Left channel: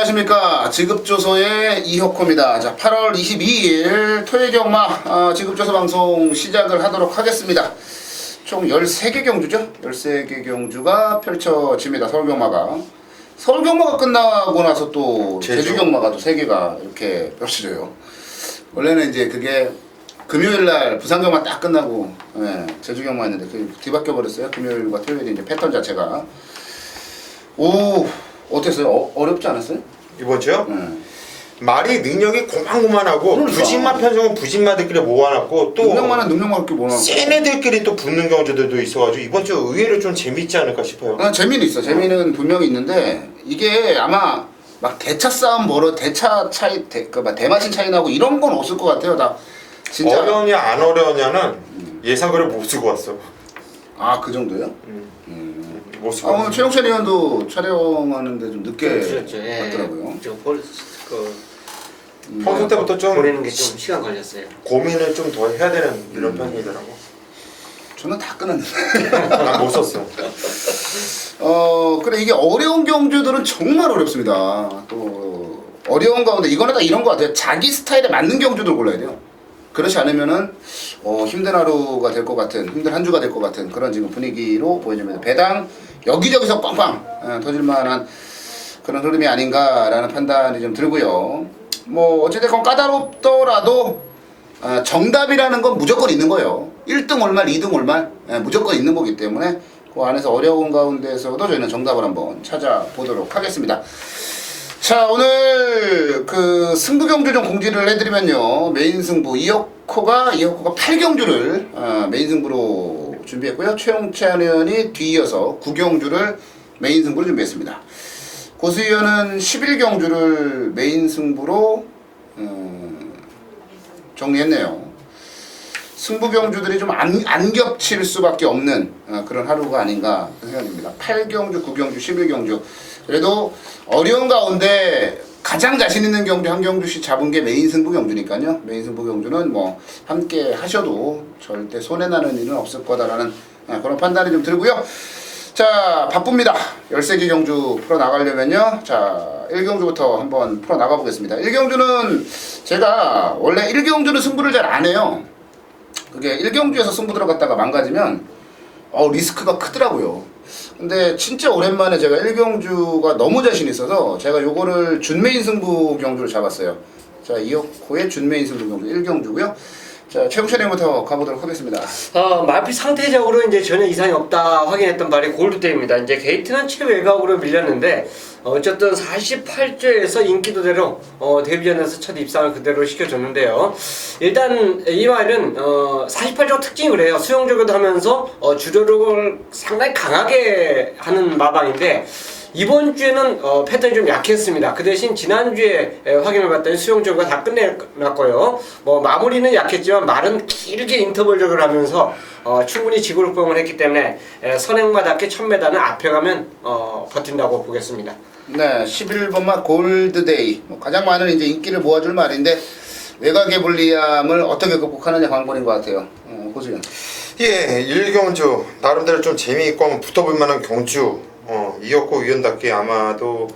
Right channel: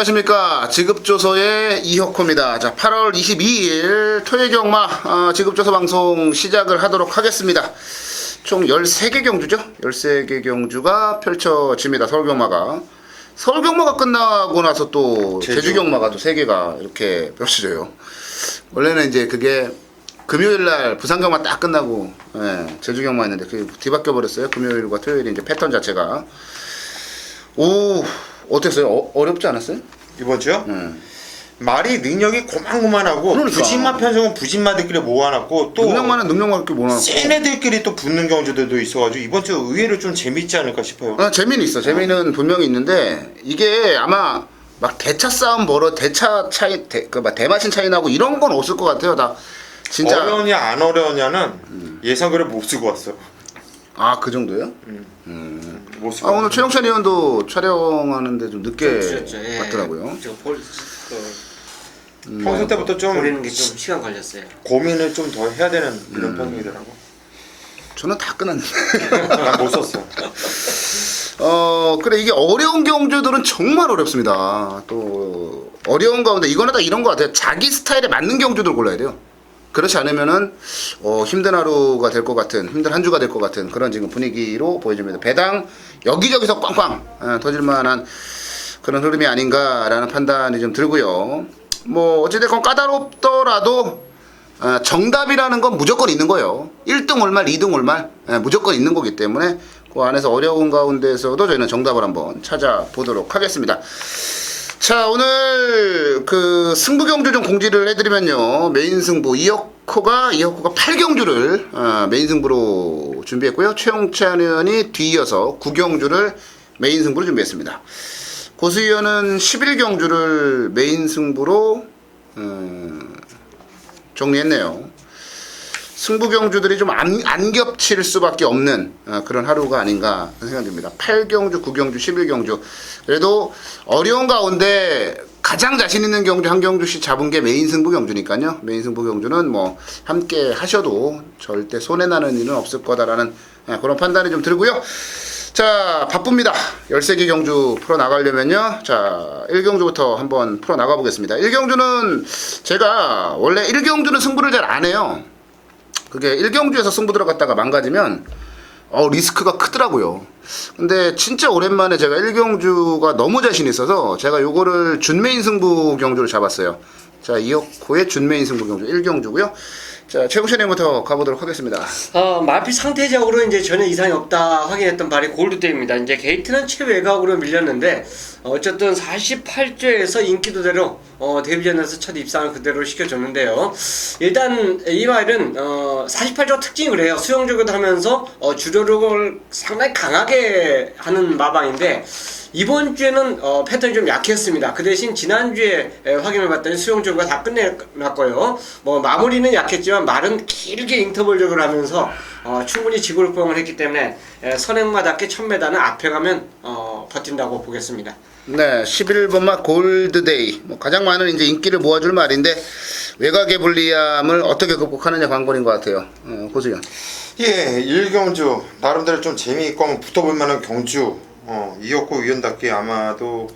안녕하십니까. 지급조서의 이혁호입니다. 자, 8월 22일 토요일 경마 지급조서 방송 시작을 하도록 하겠습니다. 총 13개 경주죠. 13개 경주가 펼쳐집니다. 서울경마가. 서울경마가 끝나고 나서 또 제주경마가 또 3개가 이렇게 펼쳐져요. 원래는 이제 그게 금요일날 부산경마 딱 끝나고 제주경마였는데 그게 뒤바뀌어 버렸어요. 금요일과 토요일이 이제 패턴 자체가. 오, 어땠어요? 어렵지 않았어요? 이번 주요? 말이 능력이 고만고만하고 그러니까. 부진마 편성은 부진마들끼리 모아놨고 또 능력만은 이렇게 모아놨고 센 애들끼리 또 붙는 경주들도 있어가지고 이번 주 의외로 좀 재밌지 않을까 싶어요. 재미는 있어. 재미는 분명히 있는데 이게 아마 막 대차 싸움 대차 차이, 대마신 차이 나고 이런 건 없을 것 같아요. 다 진짜. 어려우냐 안 어려우냐는 예상글을 못 쓰고 왔어. 아, 그 정도예요? 못 쓰고. 오늘 최영찬 의원도 촬영하는데 좀 늦게 왔더라고요. 평소 때부터 좀 보내는 게 좀 시간 걸렸어요. 고민을 좀 더 해야 되는 그런 편이더라고. 저는 다 끊었는데. 난 못 썼어. 그래, 이게 어려운 경주들은 정말 어렵습니다. 또 어려운 가운데 이거는 다 이런 것 같아요. 자기 스타일에 맞는 경주들 골라야 돼요. 그렇지 않으면은 힘든 하루가 될 것 같은, 힘든 한 주가 될 것 같은 그런 지금 분위기로 보여집니다. 배당 여기저기서 빵빵 터질만한 그런 흐름이 아닌가라는 판단이 좀 들고요. 뭐 어찌됐건 까다롭더라도 정답이라는 건 무조건 있는 거예요. 1등 올말, 2등 올말 무조건 있는 거기 때문에 그 안에서 어려운 가운데서도 저희는 정답을 한번 찾아보도록 하겠습니다. 자, 오늘 그 승부 경주 좀 공지를 해드리면요. 메인 승부 이혁호가 8경주를 메인 승부로 준비했고요. 최용찬 의원이 뒤이어서 9경주를 메인 승부로 준비했습니다. 고수 의원은 11경주를 메인 승부로 정리했네요. 승부 경주들이 좀 안 겹칠 수밖에 없는 그런 하루가 아닌가 생각됩니다. 8경주, 9경주, 11경주. 그래도 어려운 가운데 가장 자신 있는 경주 한 경주씩 잡은 게 메인 승부 경주니까요. 메인 승부 경주는 뭐 함께 하셔도 절대 손해나는 일은 없을 거다라는 그런 판단이 좀 들고요. 자, 바쁩니다. 13개 경주 풀어나가려면요. 자, 1경주부터 한번 풀어나가 보겠습니다. 1경주는 제가 원래 1경주는 승부를 잘 안 해요. 그게 1경주에서 승부 들어갔다가 망가지면 리스크가 크더라고요. 근데 진짜 오랜만에 제가 1경주가 너무 자신 있어서 제가 요거를 준메인 승부 경주를 잡았어요. 자, 이혁호의 준메인 승부 경주 1경주고요. 자, 최국찬님부터 가보도록 하겠습니다. 마피 상태적으로 이제 전혀 이상이 없다 확인했던 발이 골드대입니다. 이제 게이트는 최외곽으로 밀렸는데 어쨌든 48조에서 인기도대로 데뷔전에서 첫 입상을 그대로 시켜줬는데요. 일단 이 말은 48조가 특징이 그래요. 수영적으로 하면서 주도력을 상당히 강하게 하는 마방인데 이번 주에는 패턴이 좀 약했습니다. 그 대신 지난주에 확인을 봤더니 수영적으로 다 끝내놨고요. 뭐 마무리는 약했지만 말은 길게 인터벌적으로 하면서 충분히 지구력병을 했기 때문에 선행마답게 1000m는 앞에 가면 버틴다고 보겠습니다. 네, 11번마 골드데이. 가장 많은 이제 인기를 모아줄 말인데 외곽의 불리함을 어떻게 극복하느냐 관건인 것 같아요. 고수연. 예, 1경주 나름대로 좀 재미있고 한번 붙어볼 만한 경주. 이혁호 위원답게 아마도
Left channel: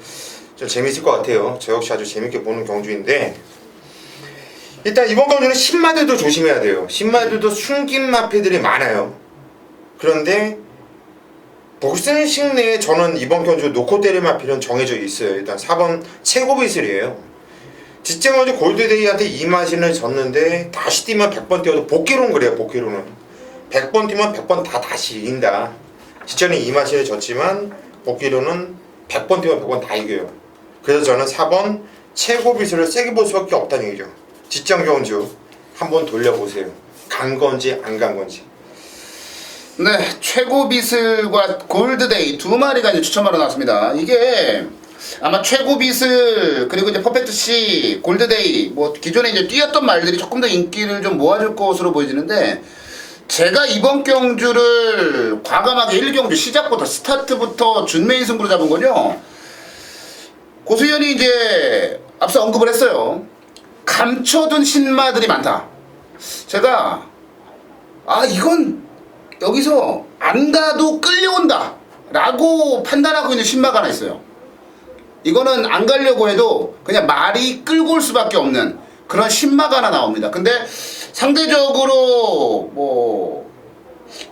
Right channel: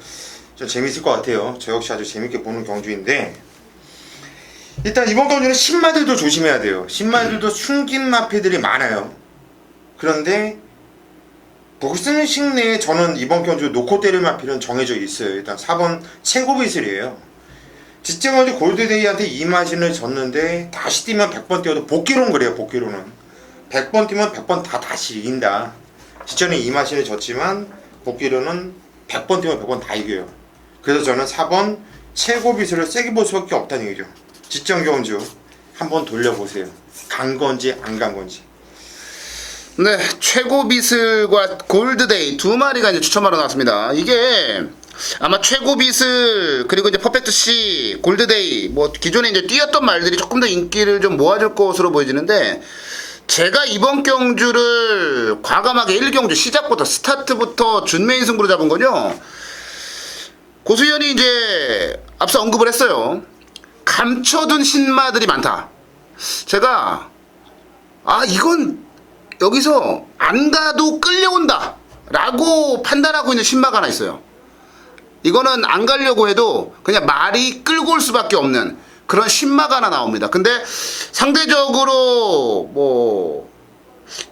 좀 재밌을 것 같아요. 저 역시 아주 재밌게 보는 경주인데 일단 이번 경주는 신마들도 조심해야 돼요. 신마들도 숨긴 마피들이 많아요. 그런데 복승식 내에 저는 이번 경주 놓고 때릴 마피는 정해져 있어요. 일단 4번 최고비슬이에요. 직전경주 골드데이한테 이 마신을 졌는데 다시 뛰면 100번 뛰어도 복귀로는 그래요. 복귀로는 100번 뛰면 100번 다 다시 이긴다. 직전에 이 마신을 졌지만 복귀로는 100번 뛰면 100번 다 이겨요. 그래서 저는 4번 최고 비수를 세게 볼 수밖에 없다는 얘기죠. 직전 경주 한번 돌려보세요. 간 건지 안 간 건지. 네, 최고 비슬과 골드데이 두 마리가 이제 추첨하러 나왔습니다. 이게 아마 최고 비슬 그리고 이제 퍼펙트 C, 골드데이 뭐 기존에 이제 뛰었던 말들이 조금 더 인기를 좀 모아줄 것으로 보여지는데 제가 이번 경주를 과감하게 1경주 시작부터 스타트부터 준메인 승부로 잡은 거죠. 고수현이 이제 앞서 언급을 했어요. 감춰둔 신마들이 많다. 제가 이건 여기서 안 가도 끌려온다 라고 판단하고 있는 신마가 하나 있어요. 이거는 안 가려고 해도 그냥 말이 끌고 올 수밖에 없는 그런 신마가 하나 나옵니다. 근데 상대적으로 뭐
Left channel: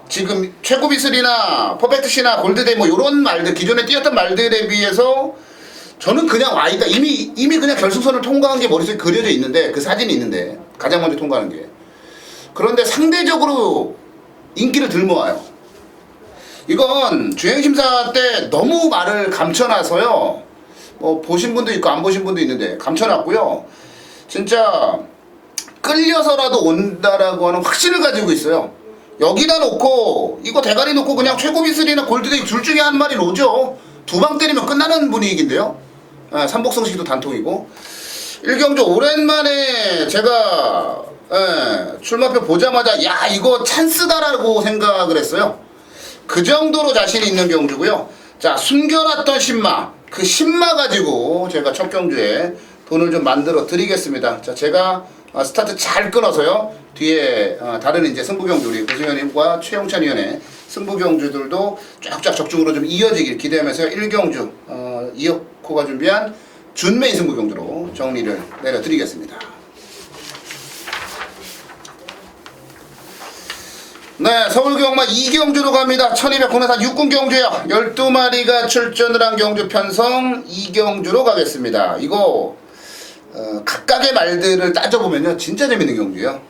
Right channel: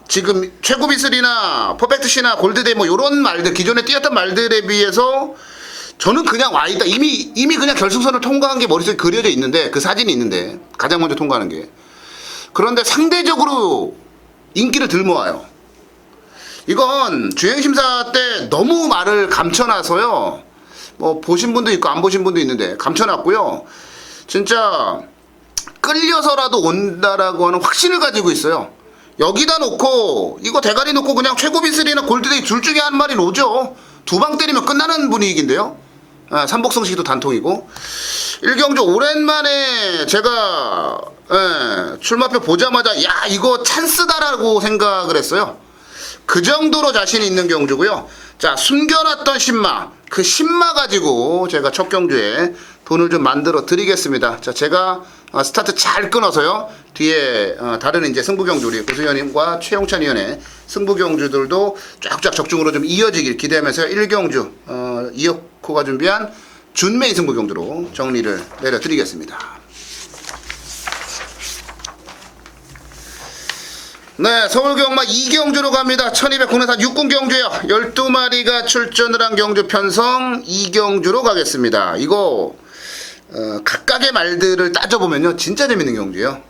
지금 최고 비슬이나 퍼펙트시나 골드데이 뭐 요런 말들 기존에 뛰었던 말들에 비해서 저는 그냥 와 있다. 이미 그냥 결승선을 통과한 게 머릿속에 그려져 있는데 그 사진이 있는데 가장 먼저 통과하는 게 그런데 상대적으로 인기를 들 모아요. 이건 주행심사 때 너무 말을 감춰놔서요. 뭐 보신 분도 있고 안 보신 분도 있는데 감춰놨고요. 진짜 끌려서라도 온다라고 하는 확신을 가지고 있어요. 여기다 놓고 이거 대가리 놓고 그냥 최고 비슬이나 골드데이 둘 중에 한 마리 오죠. 두 방 때리면 끝나는 분위기인데요. 삼복성식도 단통이고 1경주 오랜만에 제가 출마표 보자마자 야 이거 찬스다라고 생각을 했어요. 그 정도로 자신 있는 경주고요. 자 숨겨놨던 신마 그 신마 가지고 제가 첫 경주에 돈을 좀 만들어 드리겠습니다. 자 제가 스타트 잘 끊어서요. 뒤에 다른 이제 승부경주 우리 고승현님과 최용찬 위원의 승부경주들도 쫙쫙 적중으로 좀 이어지길 기대하면서 1경주 이혁호가 준비한 준메인 승부경주로 정리를 내려드리겠습니다. 네, 서울경마 2경주로 갑니다. 1200 국내산 육군경주요. 12마리가 출전을 한 경주 편성 2경주로 가겠습니다. 이거 각각의 말들을 따져보면요 진짜 재밌는 경주예요.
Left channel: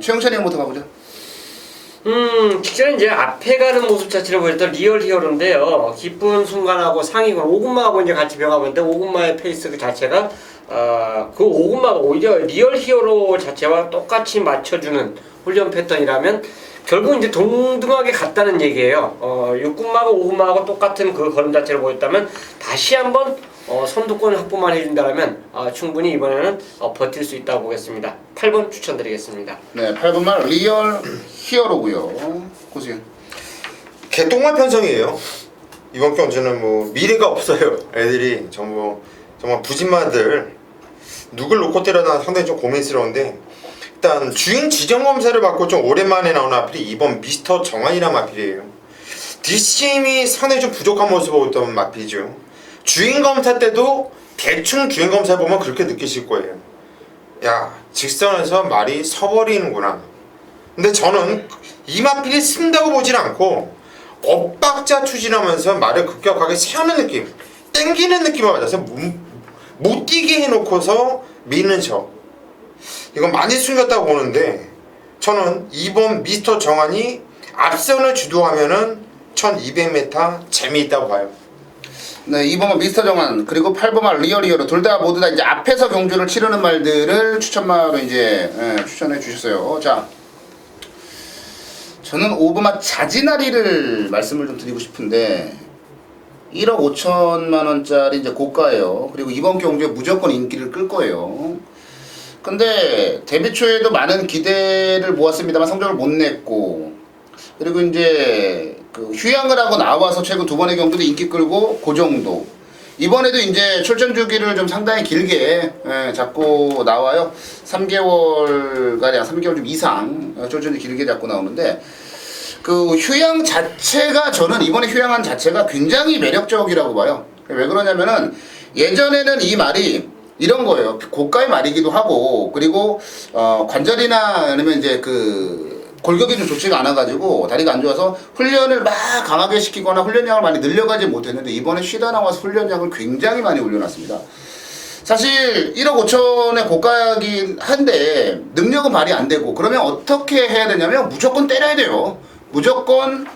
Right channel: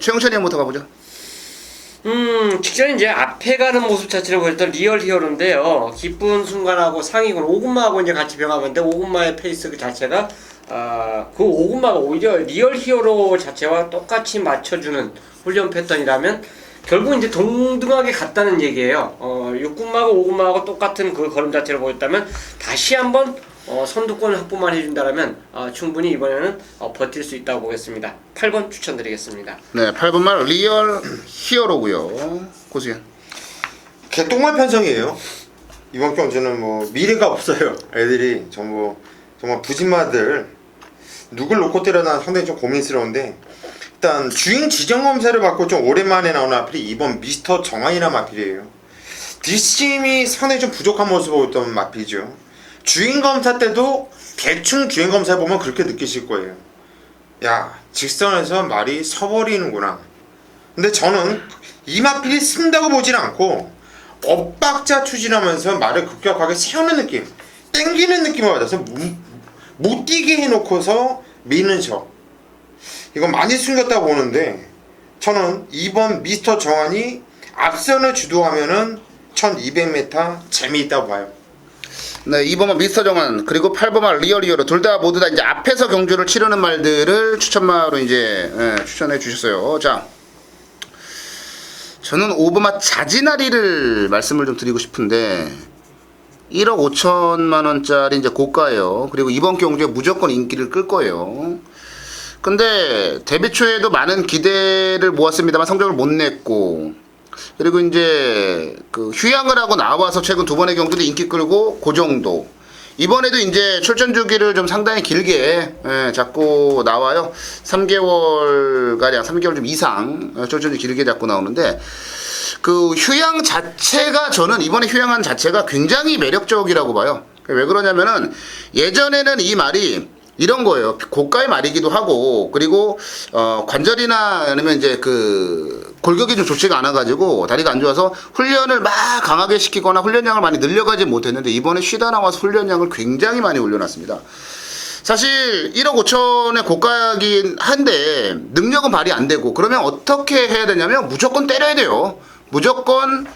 최영찬이 형부터 가보죠. 직전에 이제 앞에 가는 모습 자체를 보였던 리얼 히어로인데요. 기쁜 순간하고 상위군 오군마하고 이제 같이 병합했는데 오군마의 페이스 그 자체가 그 오군마가 오히려 리얼 히어로 자체와 똑같이 맞춰주는 훈련 패턴이라면 결국 이제 동등하게 갔다는 얘기예요. 6군마하고 5군마하고 똑같은 그 걸음 자체를 보였다면 다시 한번 선두권 확보만 해준다면 충분히 이번에는 버틸 수 있다고 보겠습니다. 8번 추천드리겠습니다. 네, 8번 말 리얼 히어로고요. 고수현. 개똥말 편성이에요. 이번 경주는 뭐 미래가 없어요. 애들이 전부 정말 부진마들 누굴 놓고 때려나 상당히 좀 고민스러운데 일단 주행 지정 검사를 받고 좀 오랜만에 나오는 마필이 이번 미스터 정한이라는 마필이에요. 뒷심이 상당히 좀 부족한 모습을 보였던 마필이죠. 주행 검사 때도 대충 주행 검사 보면 그렇게 느끼실 거예요. 야 직선에서 말이 서버리는구나. 근데 저는 이 마필이 쓴다고 보진 않고 엇박자 추진하면서 말을 급격하게 세우는 느낌, 땡기는 느낌을 받아서 못 뛰게 해놓고서 미는 척. 이건 많이 숨겼다고 보는데 저는 이번 미스터 정한이 앞선을 주도하면은 1200m 재미있다고 봐요. 네, 2번은 미스터 정한 그리고 8번은 리얼 히어로 둘 다 모두 다 이제 앞에서 경주를 치르는 말들을 추천마로 이제 추천해 주셨어요. 자, 저는 5번마 자지나리를 말씀을 좀 드리고 싶은데 1억 5천만 원짜리 이제 고가예요. 그리고 이번 경주에 무조건 인기를 끌 거예요. 근데 데뷔 초에도 많은 기대를 모았습니다만 성적을 못 냈고 그리고 이제 그 휴양을 하고 나와서 최근 두 번의 경주도 인기 끌고 그 정도. 이번에도 이제 출전 주기를 좀 상당히 길게 잡고 나와요. 3개월 가량, 3개월 좀 이상 출전이 길게 잡고 나오는데 그 휴양 자체가 저는 이번에 휴양한 자체가 굉장히 매력적이라고 봐요. 왜 그러냐면은 예전에는 이 말이 이런 거예요. 고가의 말이기도 하고 그리고 관절이나 아니면 이제 그 골격이 좀 좋지가 않아가지고 다리가 안 좋아서 훈련을 막 강하게 시키거나 훈련량을 많이 늘려가지 못했는데 이번에 쉬다 나와서 훈련량을 굉장히 많이 올려놨습니다. 사실 1억 5천의 고가긴 한데 능력은 발휘 안 되고 그러면 어떻게 해야 되냐면 무조건 때려야 돼요. 무조건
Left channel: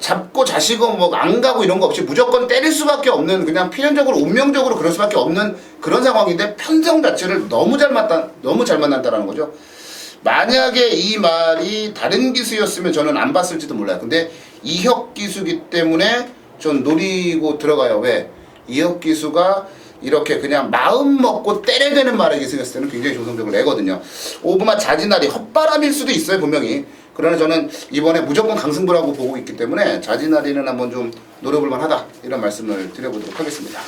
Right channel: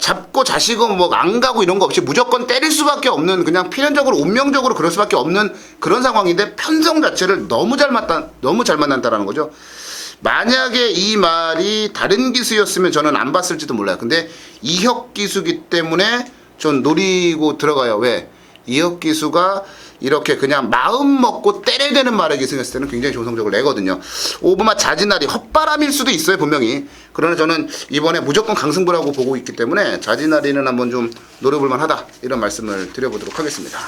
잡고 자시고 뭐 안 가고 이런 거 없이 무조건 때릴 수밖에 없는 그냥 필연적으로 운명적으로 그럴 수밖에 없는 그런 상황인데 편성 자체를 너무 잘 만났다라는 거죠. 만약에 이 말이 다른 기수였으면 저는 안 봤을지도 몰라요. 근데 이혁 기수기 때문에 전 노리고 들어가요. 왜? 이혁 기수가 이렇게 그냥 마음 먹고 때려야 되는 말을 기승했을 때는 굉장히 좋은 성적을 내거든요. 오브마 자진날이 헛바람일 수도 있어요 분명히. 그러나 저는 이번에 무조건 강승부라고 보고 있기 때문에 자진날이는 한번 좀 노려볼 만하다 이런 말씀을 드려보도록 하겠습니다.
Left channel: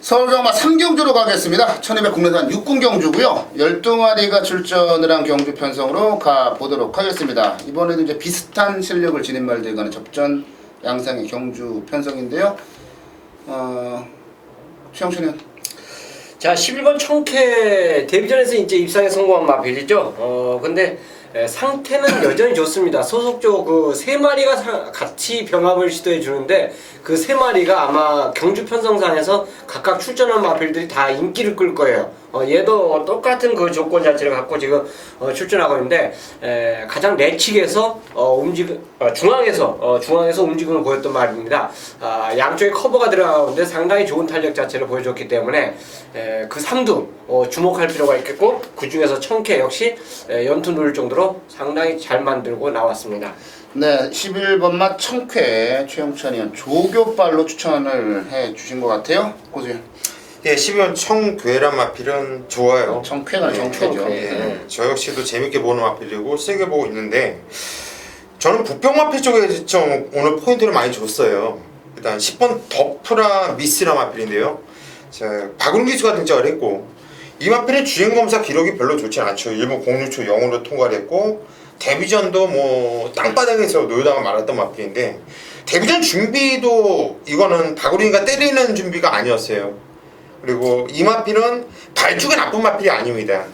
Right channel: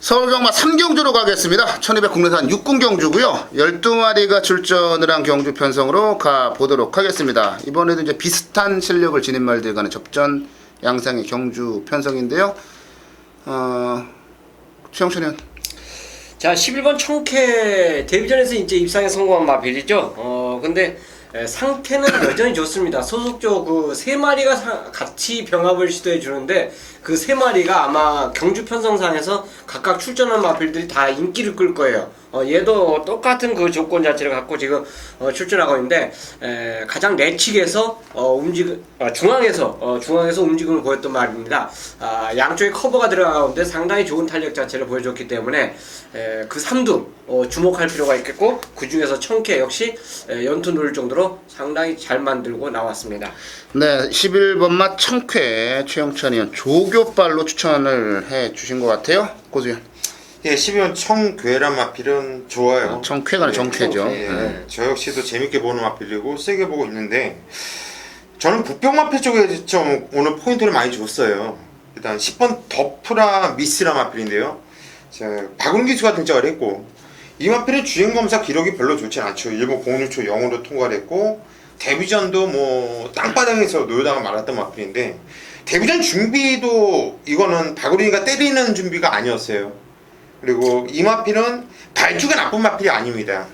서울경마 3경주로 가겠습니다. 1200 국내산 6군 경주고요. 12마리가 출전을 한 경주 편성으로 가보도록 하겠습니다. 이번에도 이제 비슷한 실력을 지닌 말들 간의 접전 양상의 경주 편성인데요. 최영철이는 자, 11번 청캐 데뷔전에서 이제 입상에 성공한 마필이죠. 근데 상태는 여전히 좋습니다. 소속조 그 세 마리가 같이 병합을 시도해 주는데 그 세 마리가 아마 경주 편성상에서 각각 출전한 마필들이 다 인기를 끌 거예요. 얘도 똑같은 그 조건 자체를 갖고 지금 출전하고 있는데 가장 내측에서 중앙에서 움직임을 보였던 말입니다. 양쪽에 커버가 들어가는데 상당히 좋은 탄력 자체를 보여줬기 때문에 그 3두 주목할 필요가 있겠고 그 중에서 청캐 역시 연투 누를 정도로 상당히 잘 만들고 나왔습니다. 네, 11번 맛 청쾌 최영찬이 조교발로 추천을 해 주신 것 같아요. 고수현. 예, 12번 청괴란 마필은 좋아요. 청쾌가 정쾌죠. 예, 네. 저 역시도 재밌게 보는 마필이고 세게 보고 있는데 저는 북평 마필 쪽에 좀 오늘 포인트를 많이 줬어요. 일단 10번 더프라 미스라 마필인데요. 박은 기수가 등장을 했고 이 마필은 주행검사 기록이 별로 좋지 않죠. 일본 06초 0으로 통과를 했고 데뷔전도 뭐 땅바닥에서 놀다가 말았던 마필인데 데뷔전 준비도 이거는 박우린이가 때리는 준비가 아니었어요. 그리고 이 마필은 발주가 나쁜 마필이 아닙니다.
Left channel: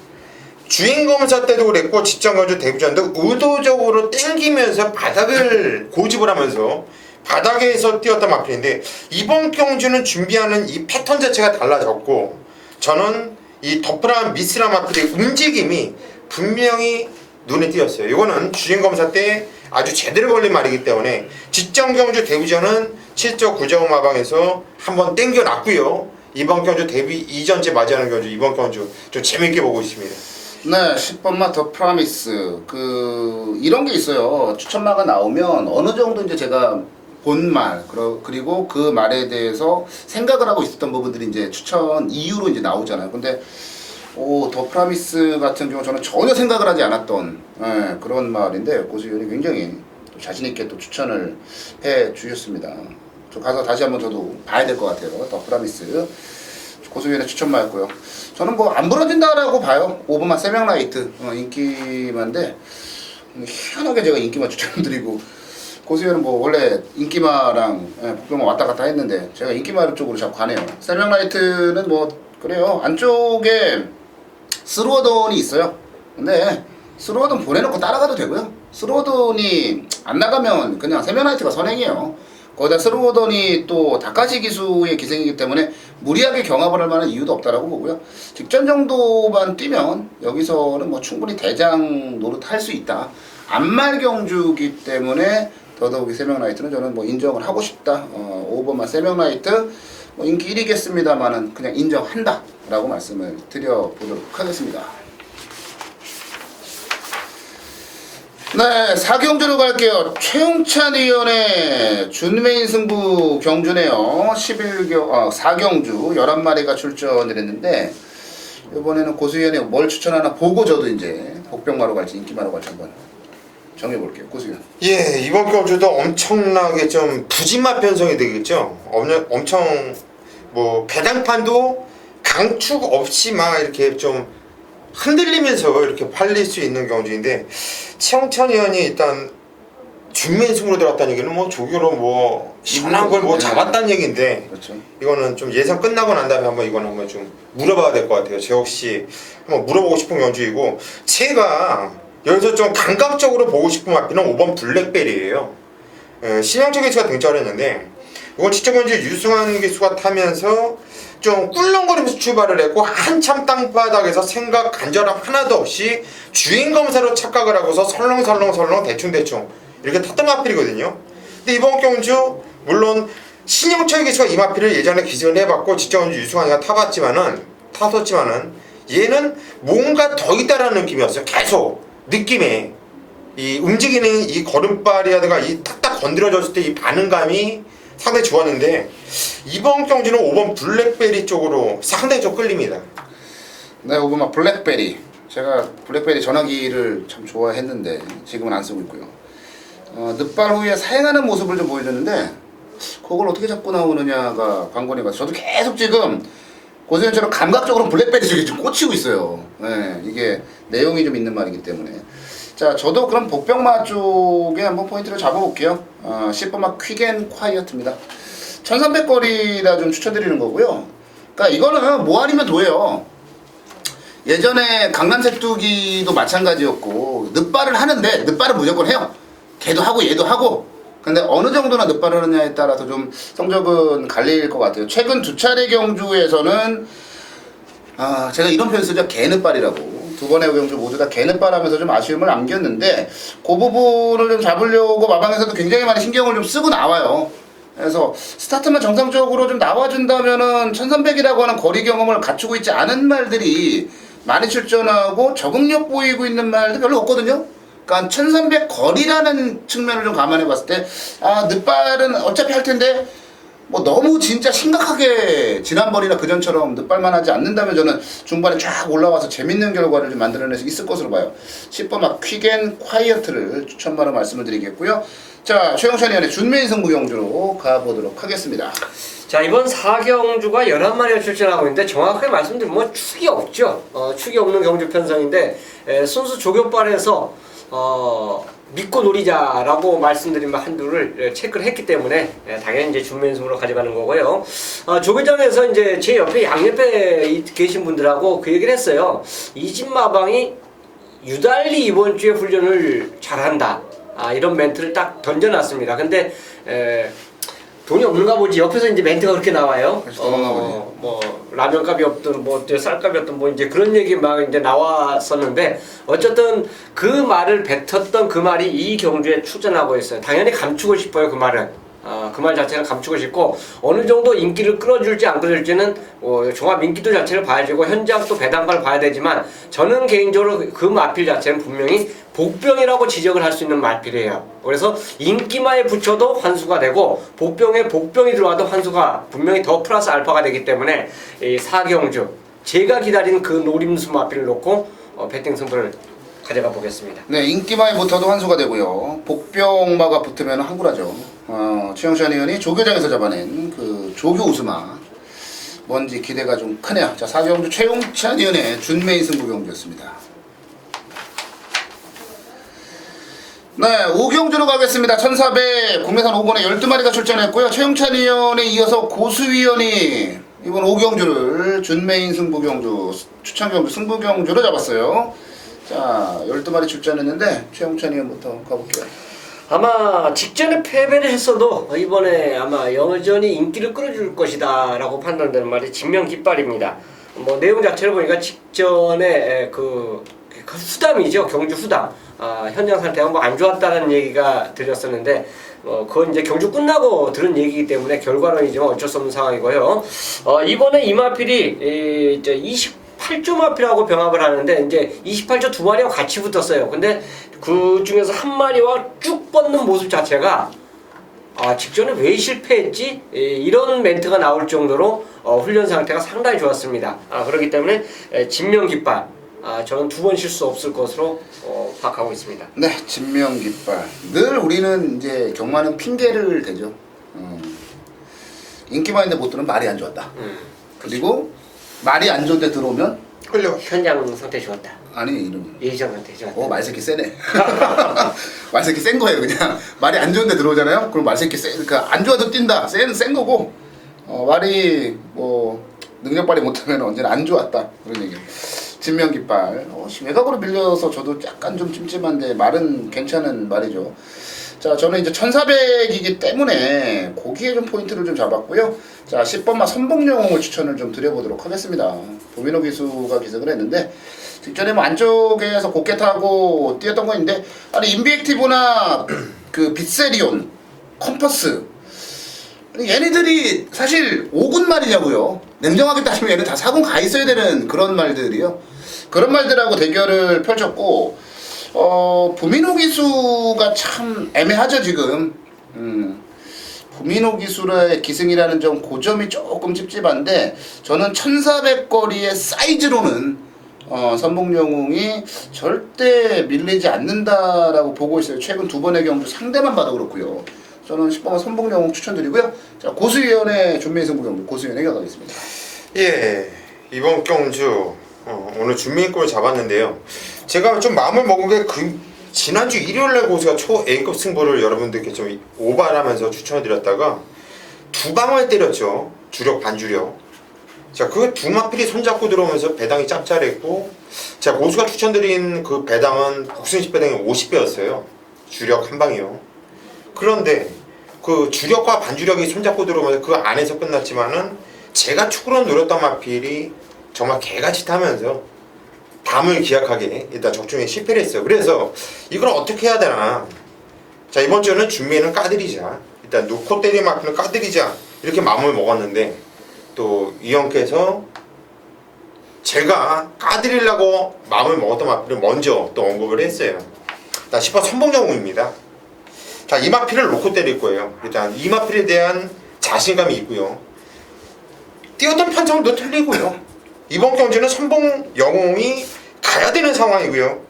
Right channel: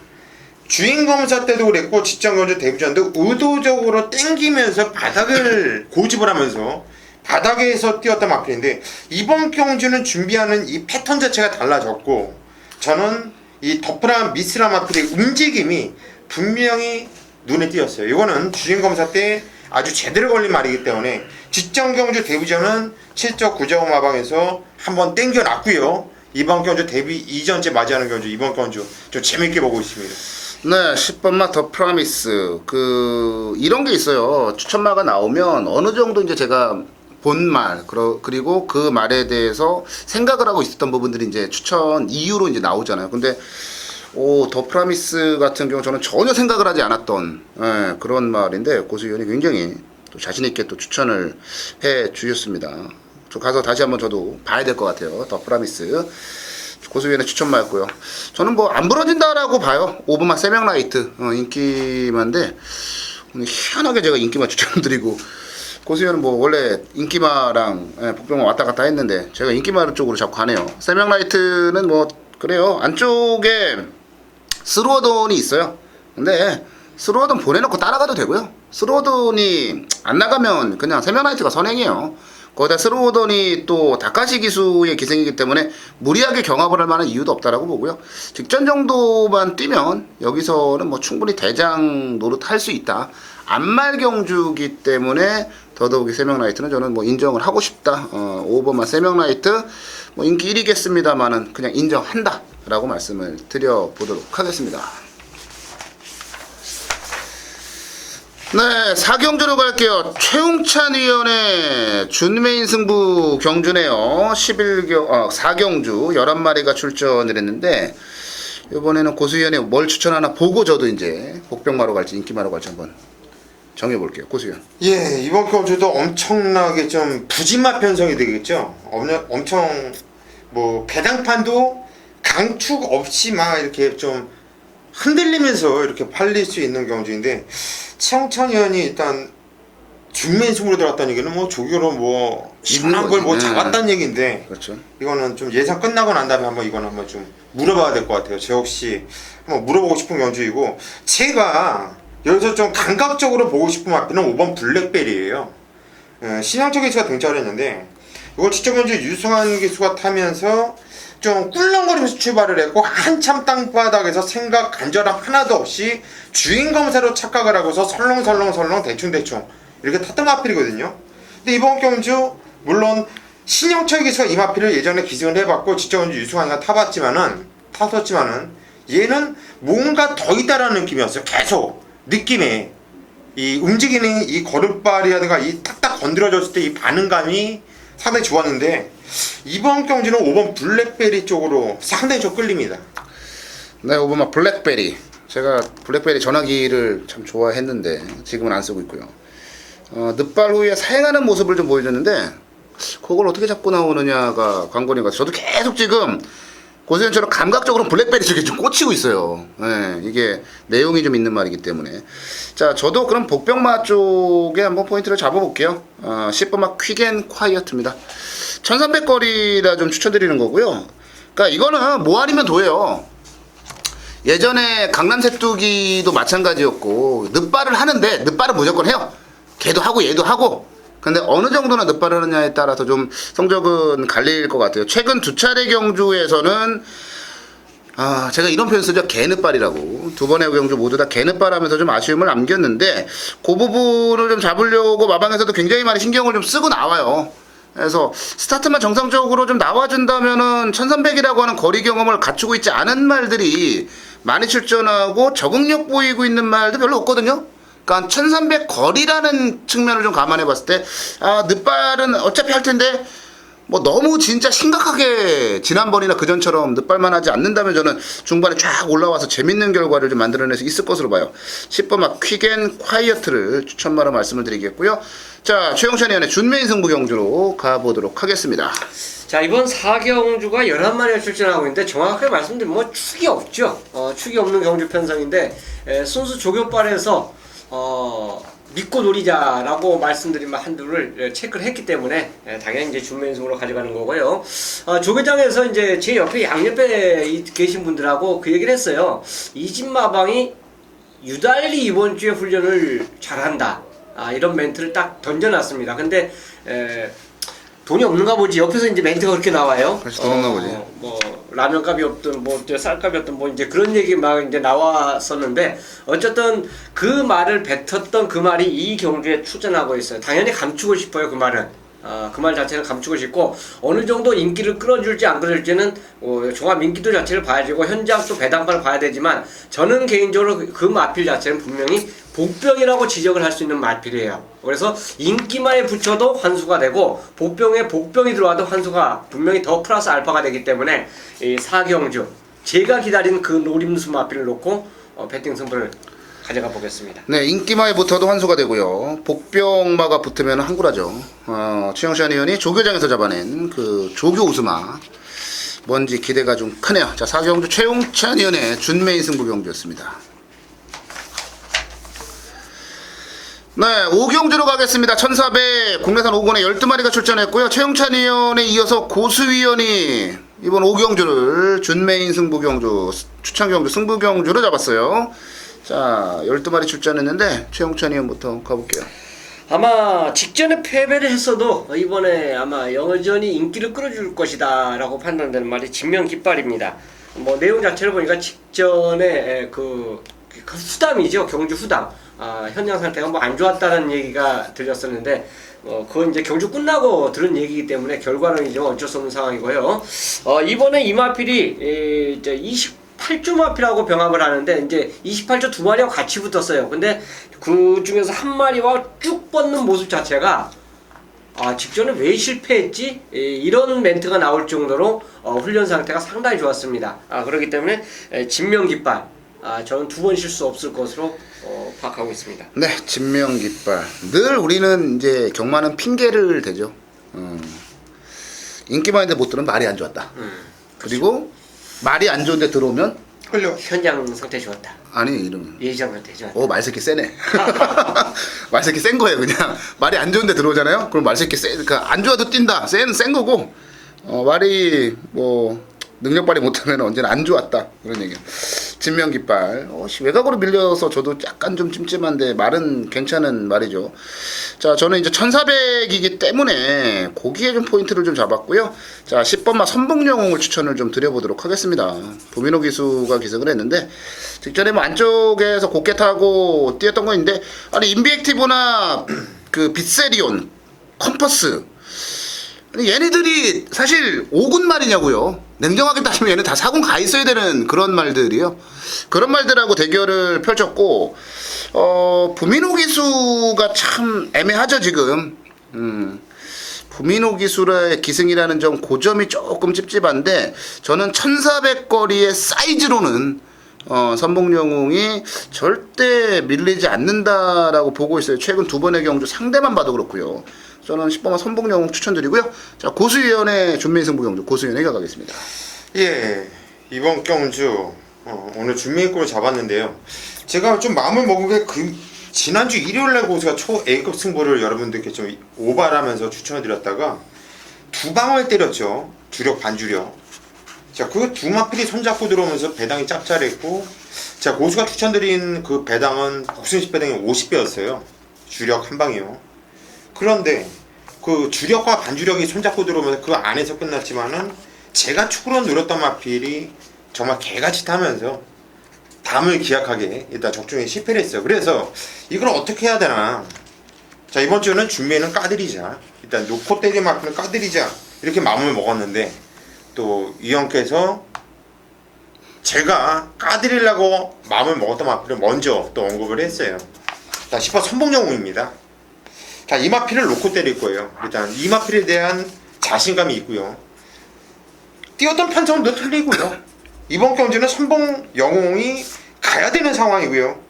주행검사 때도 그랬고 직전거주 데뷔전도 의도적으로 땡기면서 바닥을 고집을 하면서 바닥에서 뛰었던 마필인데 이번 경주는 준비하는 이 패턴 자체가 달라졌고 저는 이 더프라 미스라 마필의 움직임이 분명히 눈에 띄었어요. 이거는 주행검사 때 아주 제대로 걸린 말이기 때문에 직전 경주 데뷔전은 7적 9적 마방에서 한번 땡겨놨고요. 이번 경주 데뷔 이전째 맞이하는 경주 이번 경주 좀 재밌게 보고 있습니다. 네, 10번 맛 더 프라미스. 이런 게 있어요. 추천마가 나오면 어느 정도 이제 제가 본 말, 그리고 그 말에 대해서 생각을 하고 있었던 부분들이 이제 추천 이유로 이제 나오잖아요. 근데 더 프라미스 같은 경우 저는 전혀 생각을 하지 않았던 그런 말인데 고수위원이 굉장히 또 자신 있게 또 추천을 해 주셨습니다. 저 가서 다시 한번 저도 봐야 될 것 같아요. 더 프라미스 고수위원의 추천마였고요. 저는 뭐 안 부러진다라고 봐요. 5번만 세명라이트 인기마인데 희한하게 제가 인기마 추천드리고 고수위원은 뭐 원래 인기마랑 복병만 왔다 갔다 했는데 제가 인기마 쪽으로 자꾸 가네요. 세명라이트는 뭐 그래요. 안쪽에 스로어돈이 있어요. 근데 스로어돈 보내놓고 따라가도 되고요. 스로어돈이 안 나가면 그냥 세면라이트가 선행이에요. 거기다 스로어돈이 또 다카시 기수의 기생이기 때문에 무리하게 경합을 할 만한 이유도 없다라고 보고요. 직전 정도만 뛰면 여기서는 뭐 충분히 대장 노릇 할 수 있다. 안말 경주기 때문에 더더욱이 세명라이트는 저는 뭐 인정을 하고 싶다. 5번만 세명라이트 뭐 인기 1위겠습니다만은 그냥 인정한다 라고 말씀을 드려보도록 하겠습니다. 네, 4경주로 갈게요. 최용찬 위원의 준메인 승부 경주네요. 4경주 11마리가 출전을 했는데 이번에는 고수위원이 뭘 추천하나 보고 저도 이제 복병마로 갈지 인기마로 갈지 한번 정해볼게요. 고수위원. 예, 이번 경주도 엄청나게 좀 부진마 편성이 되겠죠. 엄청 뭐 배당판도 강축 없이 막 이렇게 좀 흔들리면서 이렇게 팔릴 수 있는 경주인데 최영찬 의원이 일단 준메인 승부로 들어갔다는 얘기는 뭐 조교로 뭐 시원한 걸 뭐 잡았다는 얘기인데 그렇죠. 이거는 좀 예상 끝나고 난 다음에 한번 이거는 한번 좀 물어봐야 될 것 같아요. 저 역시 한번 물어보고 싶은 경주이고 제가 여기서 좀 감각적으로 보고 싶은 마피는 5번 블랙베리예요. 신영철 기수가 등장을 했는데 이건 직접 현재 유승환 기수가 타면서 좀 꿀렁거리면서 출발을 했고 한참 땅바닥에서 생각 간절함 하나도 없이 주행검사로 착각을 하고서 설렁설렁 대충 이렇게 탔던 마필이거든요. 근데 이번 경주 물론 신영철 기수가 이 마필을 예전에 기승을 해봤고 직접 현재 유승환이가 탔었지만은 얘는 뭔가 더 있다라는 느낌이었어요. 계속 느낌에 이 움직이는 이 걸음발이라든가 이 탁탁 건드려졌을 때 이 반응감이 상당히 좋았는데 이번 경주는 5번 블랙베리 쪽으로 상당히 좀 끌립니다. 네, 5번 블랙베리. 제가 블랙베리 전화기를 참 좋아했는데 지금은 안 쓰고 있고요. 늑발 후에 사행하는 모습을 좀 보여줬는데 그걸 어떻게 잡고 나오느냐가 관건인 것 같아요. 저도 계속 지금 고수현처럼 감각적으로 블랙베리 쪽에 좀 꽂히고 있어요. 네, 이게 내용이 좀 있는 말이기 때문에. 자, 저도 그럼 복병마 쪽에 한번 포인트를 잡아볼게요. 10번마 퀵앤 콰이어트입니다. 1300거리라 좀 추천드리는 거고요. 그러니까 이거는 뭐 아니면 도예요. 예전에 강남색두기도 마찬가지였고 늪발을 하는데 늪발은 무조건 해요. 걔도 하고 얘도 하고. 근데 어느 정도나 늪발을 하느냐에 따라서 좀 성적은 갈릴 것 같아요. 최근 두 차례 경주에서는 제가 이런 표현 쓰죠. 개늪발이라고. 두 번의 경주 모두 다 개늪발 하면서 좀 아쉬움을 남겼는데 그 부분을 좀 잡으려고 마방에서도 굉장히 많이 신경을 좀 쓰고 나와요. 그래서 스타트만 정상적으로 좀 나와준다면은 1300이라고 하는 거리 경험을 갖추고 있지 않은 말들이 많이 출전하고 적응력 보이고 있는 말도 별로 없거든요. 그러니까 1300 거리라는 측면을 좀 감안해 봤을 때 늪발은 어차피 할 텐데 뭐 너무 진짜 심각하게 지난번이나 그전처럼 늪발만 하지 않는다면 저는 중반에 쫙 올라와서 재밌는 결과를 좀 만들어낼 수 있을 것으로 봐요. 10번 막 퀵앤 콰이어트를 추천마로 말씀을 드리겠고요. 자, 최영찬 의원의 준메인 승부 경주로 가보도록 하겠습니다. 자, 이번 4경주가 11마리가 출전하고 있는데 정확하게 말씀드리면 뭐 축이 없죠. 축이 없는 경주 편성인데 순수 조교발에서 믿고 노리자라고 말씀드린 한두를 체크를 했기 때문에 당연히 이제 준면승으로 가져가는 거고요. 조교장에서 이제 제 옆에 양옆에 계신 분들하고 그 얘기를 했어요. 이진마방이 유달리 이번 주에 훈련을 잘한다. 이런 멘트를 딱 던져놨습니다. 근데 돈이 없는가 보지. 옆에서 이제 멘트가 그렇게 나와요. 그래서 돈 없나 보지. 뭐 라면값이 없든 뭐 쌀값이 없든 뭐 이제 그런 얘기 막 이제 나왔었는데 어쨌든 그 말을 뱉었던 그 말이 이 경주에 출전하고 있어요. 당연히 감추고 싶어요. 그 말은. 그 말 자체는 감추고 싶고 어느 정도 인기를 끌어줄지 안 끌어줄지는 종합 인기도 자체를 봐야 되고 현장 또 배당가를 봐야 되지만 저는 개인적으로 그 마필 자체는 분명히 복병이라고 지적을 할 수 있는 마필이에요. 그래서 인기마에 붙여도 환수가 되고 복병에 복병이 들어와도 환수가 분명히 더 플러스 알파가 되기 때문에 이 4경주 제가 기다린 그 노림수 마필을 놓고 배팅 승부를 가져가 보겠습니다. 네, 인기마에 붙어도 환수가 되고요. 복병마가 붙으면 항구라죠. 최영찬 의원이 조교장에서 잡아낸 그 조교 우스마. 뭔지 기대가 좀 크네요. 자, 4경주 최영찬 의원의 준메인 승부 경주였습니다. 네, 5경주로 가겠습니다. 1400 국내산 5군에 12마리가 출전했고요. 최영찬 의원에 이어서 고수위원이 이번 5경주를 준메인 승부 경주, 추천 경주, 승부 경주로 잡았어요. 자, 12마리 출전했는데 최영찬 의원부터 가볼게요. 아마 직전에 패배를 했어도 이번에 아마 여전히 인기를 끌어줄 것이다 라고 판단되는 말이 진명깃발입니다. 뭐 내용 자체를 보니까 직전에 그 후담이죠. 경주 후담. 현장 상태가 뭐 안 좋았다는 얘기가 들렸었는데 그건 이제 경주 끝나고 들은 얘기이기 때문에 결과론이지만 어쩔 수 없는 상황이고요. 이번에 이마필이 이제 28조 마필하고 병합을 하는데 이제 28조 두 마리하고 같이 붙었어요. 근데 그 중에서 한 마리와 쭉 뻗는 모습 자체가 직전에 왜 실패했지? 이런 멘트가 나올 정도로 훈련 상태가 상당히 좋았습니다. 그렇기 때문에 진명깃발 저는 두 번 실수 없을 것으로 파악하고 있습니다. 네, 진명깃발. 늘 우리는 이제 경마는 핑계를 대죠. 인기만 있는데 못 들으면 말이 안 좋았다. 그리고 말이 안 좋은데 들어오면 현장 상태 좋았다. 아니 이러면 예전 상태 좋았다. 말새끼 세네. 말새끼 센 거예요. 그냥 말이 안 좋은데 들어오잖아요. 그럼 말새끼 세. 그러니까 안 좋아도 뛴다. 센 거고 말이 뭐 능력 발휘 못하면 언제나 안 좋았다 그런 얘기예요. 진명깃발. 외곽으로 밀려서 저도 약간 좀 찜찜한데 말은 괜찮은 말이죠. 자, 저는 이제 1400이기 때문에 거기에 좀 포인트를 좀 잡았고요. 자, 10번마 선봉영웅을 추천을 좀 드려보도록 하겠습니다. 부민호 기수가 기승을 했는데 직전에 뭐 안쪽에서 곱게 타고 뛰었던 거 있는데 아니 인비액티브나 그 빗세리온, 컴퍼스 아니 얘네들이 사실 5군 말이냐고요. 냉정하게 따지면 얘네 다 4군 가 있어야 되는 그런 말들이요. 그런 말들하고 대결을 펼쳤고 부민호 기수가 참 애매하죠 지금. 부민호 기수의 기승이라는 점 고점이 조금 찝찝한데 저는 1400거리의 사이즈로는 선봉영웅이 절대 밀리지 않는다라고 보고 있어요. 최근 두 번의 경주 상대만 봐도 그렇고요. 저는 10번만 선봉영웅 추천드리고요. 자, 고수위원의 준메인 승부 경주 고수위원에게 가겠습니다. 예. 이번 경주 오늘 준비권을 잡았는데요. 제가 좀 마음을 먹은 게 지난주 일요일날 고수가 초 A급 승부를 여러분들께 좀 오발하면서 추천해드렸다가 두 방을 때렸죠. 주력 반주력. 자, 그 두 마필이 손잡고 들어오면서 배당이 짭짤했고, 자, 고수가 추천드린 그 배당은 복순식 배당이 50배였어요. 주력 한 방이요. 그런데 그 주력과 반주력이 손잡고 들어오면서 그 안에서 끝났지만은 제가 축으로 노렸던 마필이 정말 개같이 타면서 담을 기약하게 일단 적중에 실패를 했어요. 그래서 이걸 어떻게 해야 되나. 자, 이번 주는 준비는 까드리자. 일단 놓고 때린 마필은 까드리자. 이렇게 마음을 먹었는데 또 이 형께서 제가 까드리려고 마음을 먹었던 마필을 먼저 또 언급을 했어요. 자, 10번 선봉영웅입니다. 자, 이 마필을 놓고 때릴 거예요. 일단 이 마필에 대한 자신감이 있고요. 뛰었던 편성도 틀리고요. 이번 경주는 선봉영웅이 가야 되는 상황이고요.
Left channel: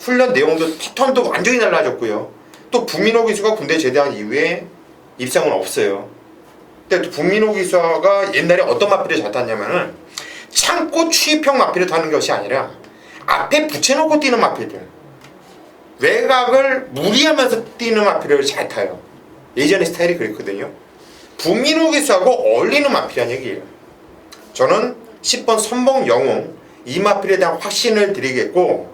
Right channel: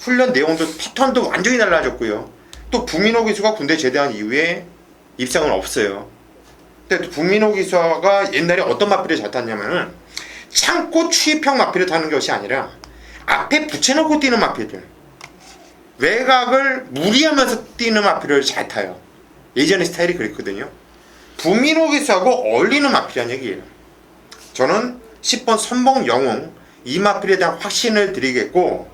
훈련 내용도 패턴도 완전히 달라졌고요. 또 북민호 기수가 군대 제대한 이후에 입상은 없어요. 근데 북민호 기수가 옛날에 어떤 마필을 잘 탔냐면은 창고 추입형 마필을 타는 것이 아니라 앞에 붙여놓고 뛰는 마필들, 외곽을 무리하면서 뛰는 마필을 잘 타요. 예전의 스타일이 그랬거든요. 북민호 기수하고 어울리는 마필이란 얘기예요. 저는 10번 선봉영웅 이 마필에 대한 확신을 드리겠고,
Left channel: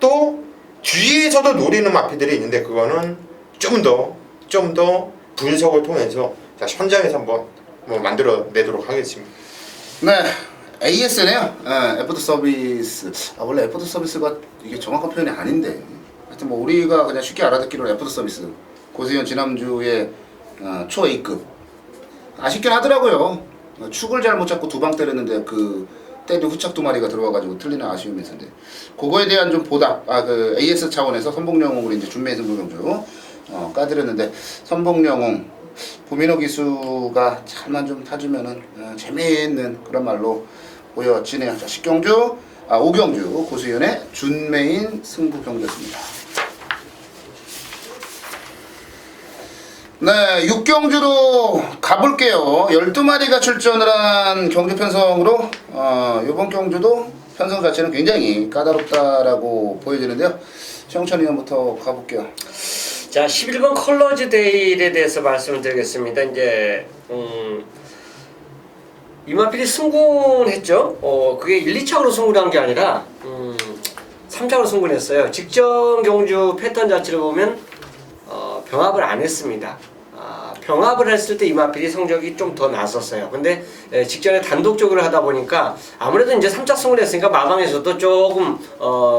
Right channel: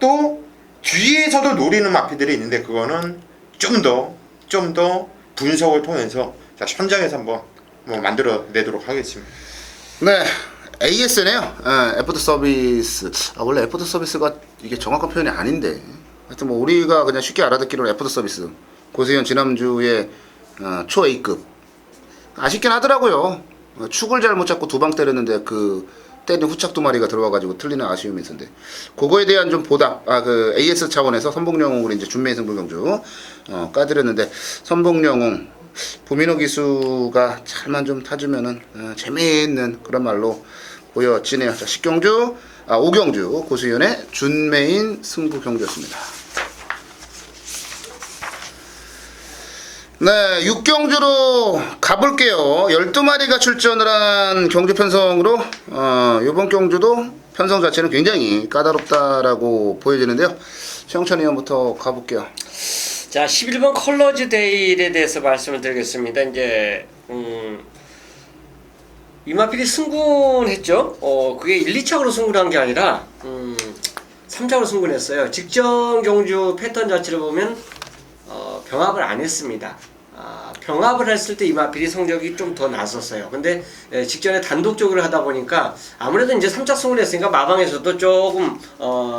또 뒤에서도 노리는 마필들이 있는데 그거는 좀 더 분석을 통해서 자, 현장에서 한번 만들어내도록 하겠습니다. 네, AS네요. 애프터 서비스. 원래 애프터 서비스가 이게 정확한 표현이 아닌데, 하여튼 뭐 우리가 그냥 쉽게 알아듣기로는 애프터 서비스. 고세현 지난주에 초 A급. 아쉽긴 하더라고요. 축을 잘못 잡고 두 방 때렸는데 그 때린 후착 두 마리가 들어와가지고 틀리는 아쉬움이 있었는데, 그거에 대한 좀 보답, 그 AS 차원에서 선봉영웅으로 이제 준매 승부 경주 까드렸는데, 선봉영웅 부민호 기수가 잘만 좀 타주면은 재미있는 그런 말로 보여지네요. 자, 10경주, 5경주 고수현의 준매인 승부 경주였습니다. 네, 6경주로 가볼게요. 12마리가 출전을 한 경주 편성으로 이번 경주도 편성 자체는 굉장히 까다롭다라고 보여지는데요. 최영찬 의원부터 가볼게요. 자, 11번 컬러즈 데일에 대해서 말씀을 드리겠습니다. 이제 이마필이 승군을 했죠. 그게 1, 2차로 승군을 한 게 아니라 3차로 승군을 했어요. 직전 경주 패턴 자체를 보면 병합을 안 했습니다. 병합을 했을 때 이마필이 성적이 좀 더 났었어요. 근데 직전에 단독적으로 하다 보니까 아무래도 이제 3차 승을 했으니까 마방에서도 조금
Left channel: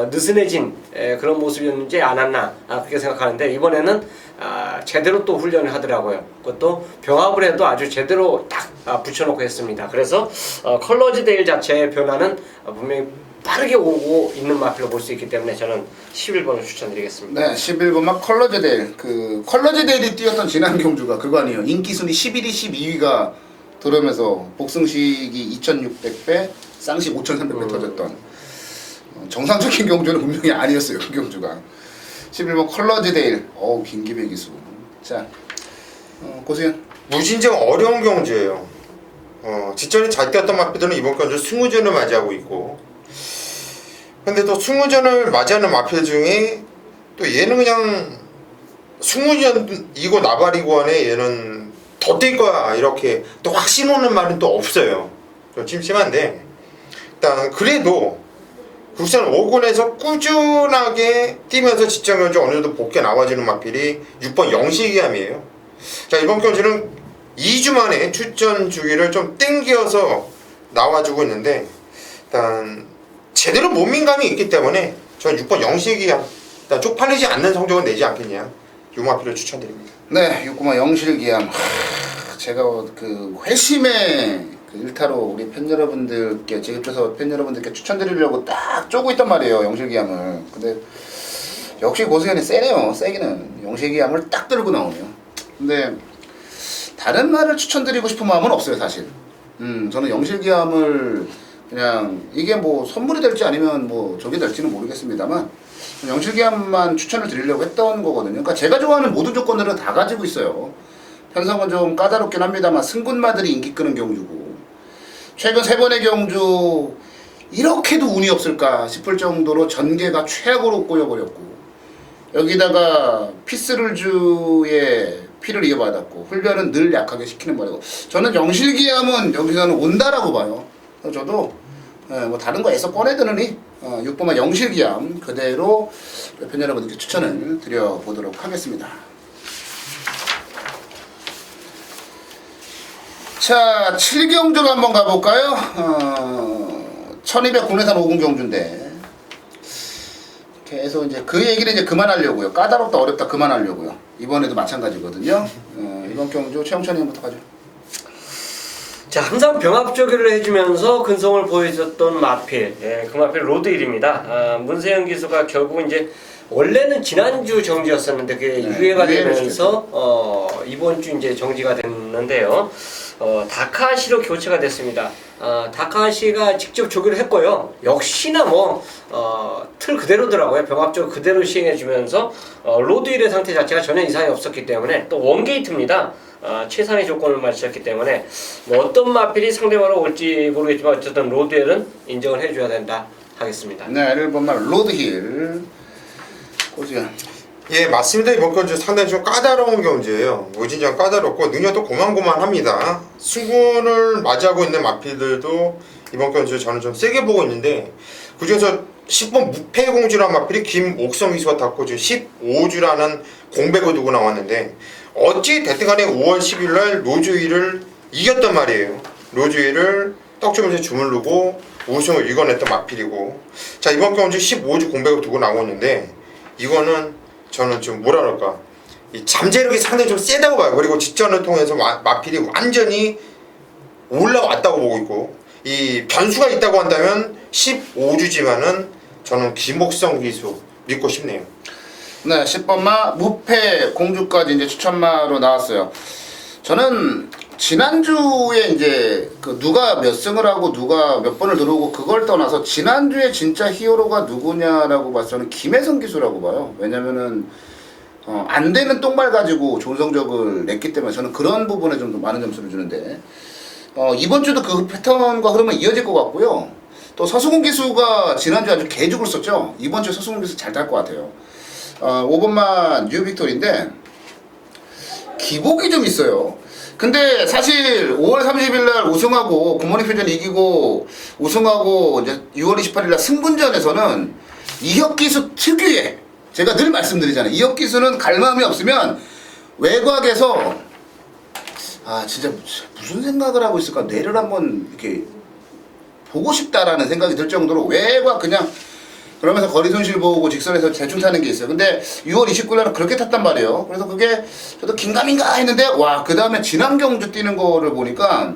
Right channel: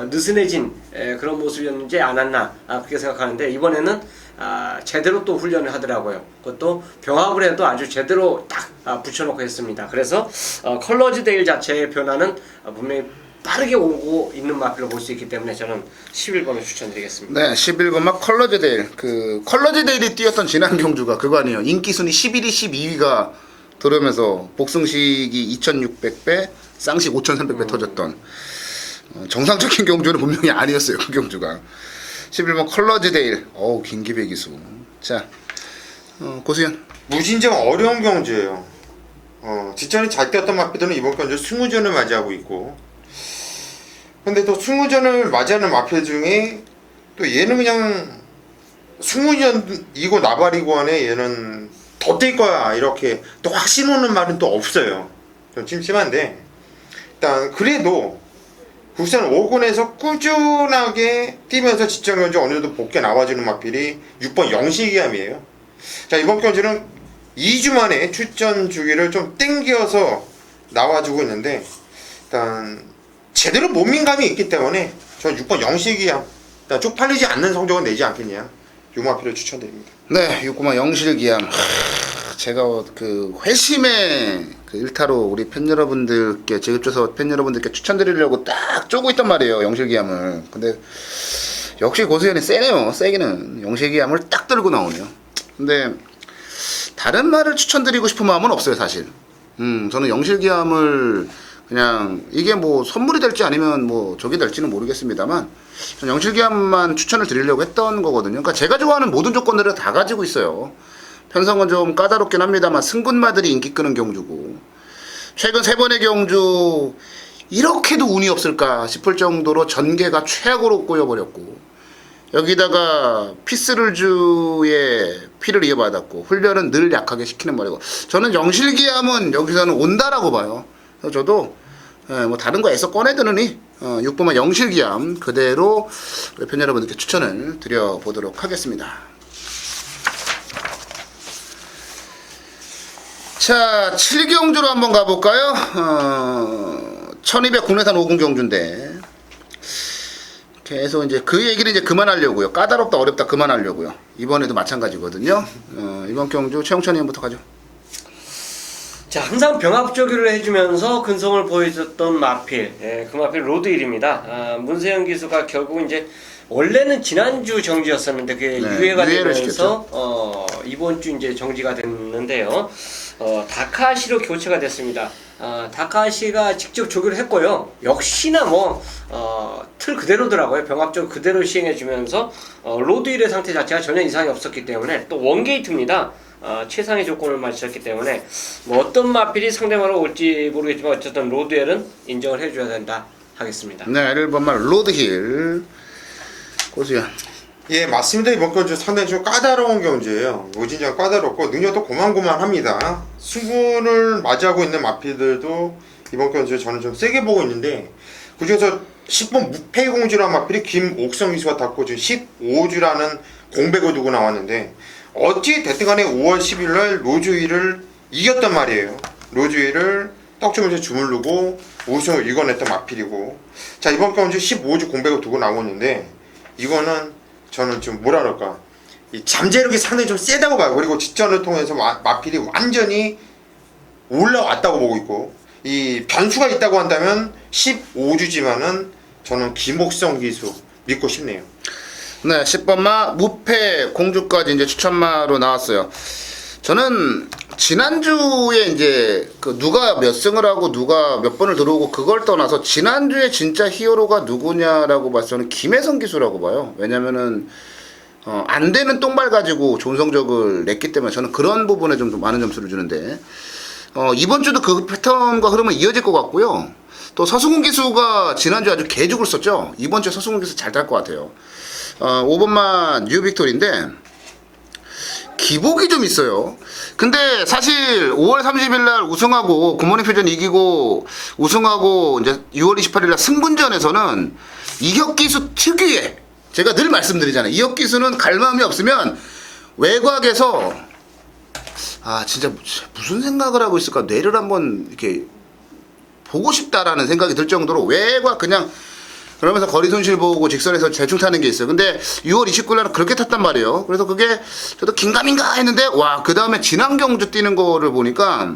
느슨해진 그런 모습이었는지 않았나 그렇게 생각하는데, 이번에는 제대로 또 훈련을 하더라고요. 그것도 병합을 해도 아주 제대로 딱 붙여놓고 했습니다. 그래서 컬러즈 데일 자체의 변화는 분명히 빠르게 오고 있는 마필로 볼 수 있기 때문에 저는 11번을 추천드리겠습니다. 네, 11번만 컬러즈 데일. 그 컬러즈 데일이 뛰었던 지난 경주가 그거 아니에요. 인기 순위 11위, 12위가 들어오면서 복승식이 2,600배, 쌍식 5,300배 터졌던 정상적인 경주는 분명히 아니었어요. 그 경주가. 11번 컬러즈 데일. 김기배 기수. 자, 고수현. 무진정 어려운 경주예요. 직전에 잘 뛰었던 마필들은 이번 경주 승우전을 맞이하고 있고, 근데 또 승우전을 맞이하는 마필 중에 또 얘는 그냥 승우전이고 나발이고 안에 얘는 더 뛸 거야 이렇게 또 확신 오는 말은 또 없어요. 좀 찜찜한데, 일단 그래도 국산 5군에서 꾸준하게 뛰면서 직전 경주 어느 정도 복귀 나와주는 마필이 6번 영시기함이에요. 자, 이번 경주는 2주 만에 출전 주기를 좀 땡겨서 나와주고 있는데, 일단 제대로 몸민감이 있기 때문에 저는 6번 영시기함, 일단 쪽팔리지 않는 성적을 내지 않겠냐, 요 마필을 추천드립니다. 네, 6구만 영실기함. 제가 그 회심의 그 일타로 우리 팬 여러분들께, 제급조사 팬 여러분들께 추천드리려고 딱 쪼고 있단 말이에요, 영실기함을. 근데 역시 고수현이 세네요. 세기는 영실기함을 딱 들고 나오네요. 근데 다른 말을 추천드리고 싶은 마음은 없어요, 사실. 저는 영실기함을 그냥 이게 뭐 선물이 될지 아니면 뭐 저게 될지는 모르겠습니다만, 영실기함만 추천을 드리려고 했던 거거든요. 그러니까 제가 좋아하는 모든 조건들은 다 가지고 있어요. 편성은 좀 까다롭긴 합니다만 승군마들이 인기 끄는 경주고, 최근 세 번의 경주 이렇게도 운이 없을까 싶을 정도로 전개가 최악으로 꼬여버렸고 여기다가 피스를주의 피를 이어받았고 훈련은 늘 약하게 시키는 말이고 저는 영실기함은 여기서는 온다라고 봐요. 그래서 저도 뭐 다른 거 애써 꺼내드느니 6번만 영실기함 그대로 우리 팬 여러분들께 추천을 드려보도록 하겠습니다. 자, 7경주로 한번 가볼까요? 1200 국내산 5군 경주인데 계속 이제 그 얘기를 이제 그만하려고요. 까다롭다 어렵다 그만하려고요. 이번에도 마찬가지거든요. 이번 경주 최영찬 의원부터 가죠. 자, 항상 병합 조기를 해주면서 근성을 보여줬던 마필, 예, 그 마필 로드힐입니다. 문세영 기수가 결국 이제 원래는 지난주 정지였었는데 그게 유예가 되면서 이번 주 이제 정지가 됐는데요. 다카시로 교체가 됐습니다. 다카시가 직접 조교를 했고요. 역시나 틀 그대로더라고요. 병합적으로 그대로 시행해주면서 로드힐의 상태 자체가 전혀 이상이 없었기 때문에 또 원게이트입니다. 최상의 조건을 맞췄기 때문에 어떤 마필이 상대방으로 올지 모르겠지만 어쨌든 로드힐은 인정을 해줘야 된다 하겠습니다. 네, 1번만 로드힐 고수현. 예, 맞습니다. 이번 경주 상당히 좀 까다로운 경주예요. 무진장 까다롭고 능력도 고만고만합니다. 승부를 맞이하고 있는 마필들도 이번 경주 저는 좀 세게 보고 있는데 그중에서 10번 무패공주라는 마필이 김옥성 기수가 탔고 지금 15주라는 공백을 두고 나왔는데 어찌 됐든 간에 5월 10일날 로즈힐을 이겼단 말이에요. 로즈힐을 떡주면서 주물르고 우승을 이겨냈던 마필이고 자 이번 경주 15주 공백을 두고 나오고 있는데 이거는 저는 좀 뭐라 그럴까 이 잠재력이 상당히 좀 세다고 봐요. 그리고 직전을 통해서 마필이 완전히 올라왔다고 보고 있고 이 변수가 있다고 한다면 15주지만은 저는 김옥성 기수 믿고 싶네요. 네, 10번마 무패 공주까지 이제 추천마로 나왔어요. 저는 지난주에 이제 그 누가 몇 승을 하고 누가 몇 번을 들어오고 그걸 떠나서 지난주에 진짜 히어로가 누구냐라고 봐서 저는 김혜성 기수라고 봐요. 왜냐면은 안 되는 똥발 가지고 좋은 성적을 냈기 때문에 저는 그런 부분에 좀 많은 점수를 주는데 이번 주도 그 패턴과 흐름은 이어질 것 같고요. 또 서승훈 기수가 지난주 아주 개죽을 썼죠. 이번 주에 서승훈 기수 잘 탈 것 같아요. 5번만 뉴빅토리인데 기복이 좀 있어요. 근데 사실 5월 30일날 우승하고 굿모닝 표전 이기고 우승하고 이제 6월 28일날 승분전에서는 이혁기수 특유의 제가 늘 말씀드리잖아요. 이혁기수는 갈 마음이 없으면 외곽에서 진짜 무슨 생각을 하고 있을까 뇌를 한번 이렇게 보고 싶다라는 생각이 들 정도로 외곽 그냥 그러면서 거리 손실 보고 직선에서 대충 타는 게 있어요. 근데 6월 29일날은 그렇게 탔단 말이에요. 그래서 그게 저도 긴가민가 했는데 와 그 다음에 지난 경주 뛰는 거를 보니까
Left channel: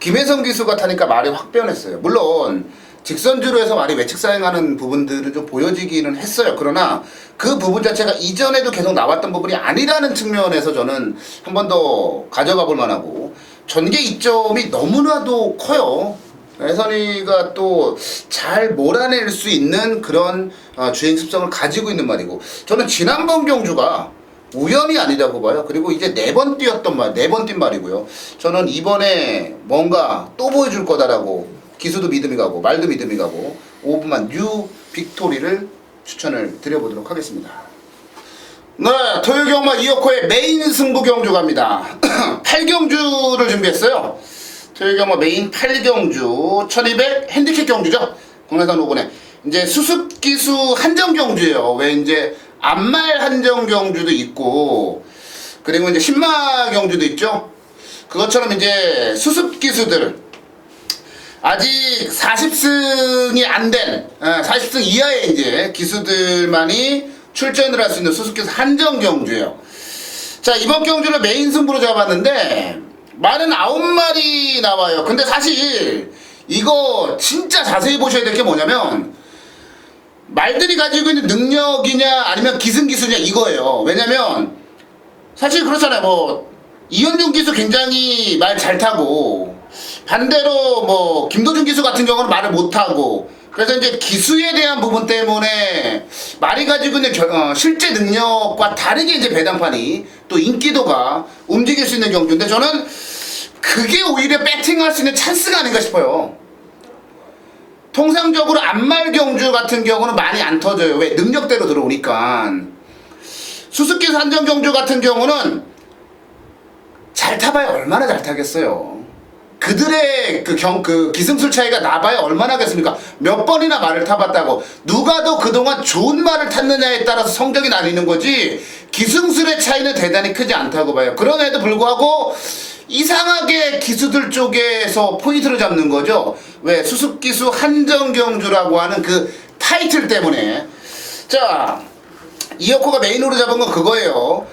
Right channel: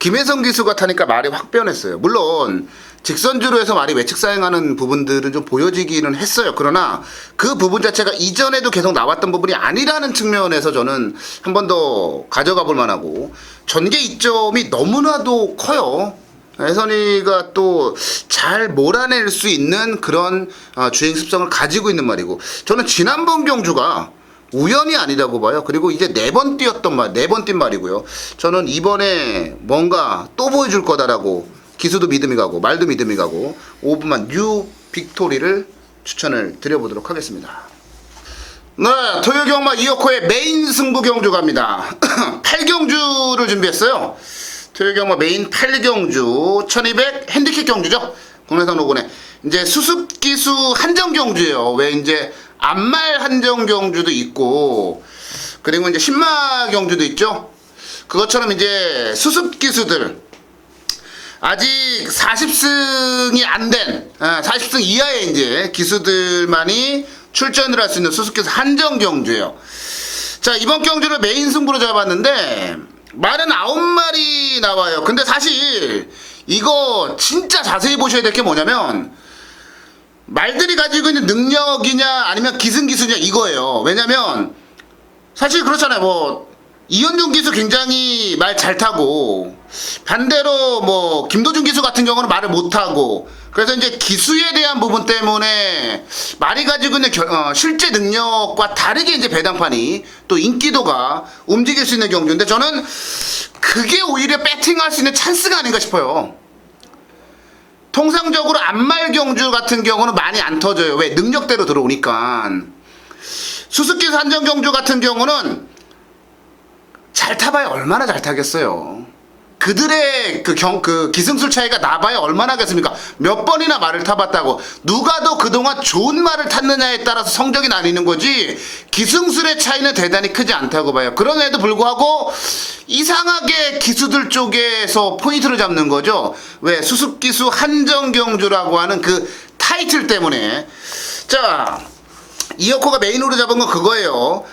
김혜성 기수가 타니까 말이 확 변했어요. 물론 직선주로 해서 말이 외측 사행하는 부분들은 좀 보여지기는 했어요. 그러나 그 부분 자체가 이전에도 계속 나왔던 부분이 아니라는 측면에서 저는 한 번 더 가져가 볼 만하고 전개 이점이 너무나도 커요. 혜선이가 또 잘 몰아낼 수 있는 그런 주행 습성을 가지고 있는 말이고 저는 지난번 경주가 우연이 아니라고 봐요. 그리고 이제 4번 뛴 말이고요. 저는 이번에 뭔가 또 보여줄 거다라고 기수도 믿음이 가고 말도 믿음이 가고 5분만 뉴 빅토리를 추천을 드려보도록 하겠습니다. 네, 토요경마 이어코의 메인 승부 경주 갑니다. 8경주를 준비했어요. 토요경마 메인 8경주 1200 핸디캡 경주죠. 국내산 5군에 이제 수습기수 한정 경주예요. 왜 이제 암말 한정 경주도 있고 그리고 이제 신마 경주도 있죠. 그것처럼 이제 수습기수들 아직 40승이 안 된 40승 이하의 이제 기수들만이 출전을 할 수 있는 수습기수 한정 경주예요. 자 이번 경주를 메인 승부로 잡았는데 말은 9마리 나와요. 근데 사실 이거 진짜 자세히 보셔야 될 게 뭐냐면 말들이 가지고 있는 능력이냐 아니면 기승기수냐 이거예요. 왜냐면 사실 그렇잖아요. 뭐 이현중 기수 굉장히 말 잘 타고 반대로 뭐 김도준 기수 같은 경우는 말을 못 타고 그래서 이제 기수에 대한 부분 때문에 말이 가지고 있는 실제 능력과 다르게 이제 배당판이 또 인기도가 움직일 수 있는 경주인데 저는 그게 오히려 배팅할 수 있는 찬스가 아닌가 싶어요. 통상적으로 안말 경주 같은 경우는 많이 안 터져요. 왜? 능력대로 들어오니까. 수수께끼 한정 경주 같은 경우는 잘 타봐야 얼마나 잘 타겠어요. 그들의 그 기승술 차이가 나봐야 얼마나 하겠습니까? 몇 번이나 말을 타봤다고. 누가 더 그동안 좋은 말을 탔느냐에 따라서 성적이 나뉘는 거지, 기승술의 차이는 대단히 크지 않다고 봐요. 그럼에도 불구하고 이상하게 기수들 쪽에서 포인트를 잡는 거죠. 왜? 수습기수 한정경주라고 하는 그 타이틀 때문에. 자, 이어코가 메인으로 잡은 건 그거예요.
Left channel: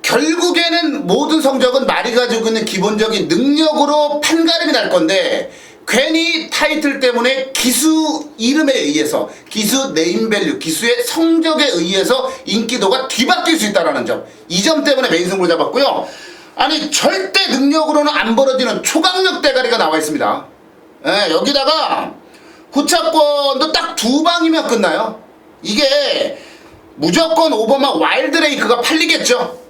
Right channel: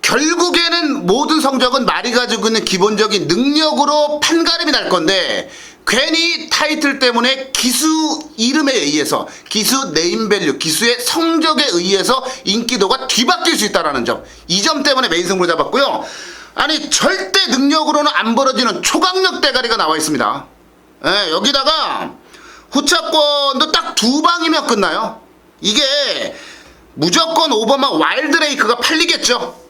결국에는 모든 성적은 말이 가지고 있는 기본적인 능력으로 판가름이 날 건데, 괜히 타이틀 때문에 기수 이름에 의해서, 기수 네임밸류, 기수의 성적에 의해서 인기도가 뒤바뀔 수 있다는 점, 이 점 때문에 메인 승부를 잡았고요. 아니, 절대 능력으로는 안 벌어지는 초강력 대가리가 나와 있습니다. 예, 여기다가 후차권도 딱 2방이면 끝나요. 이게 무조건 오버만 와일드레이크가 팔리겠죠.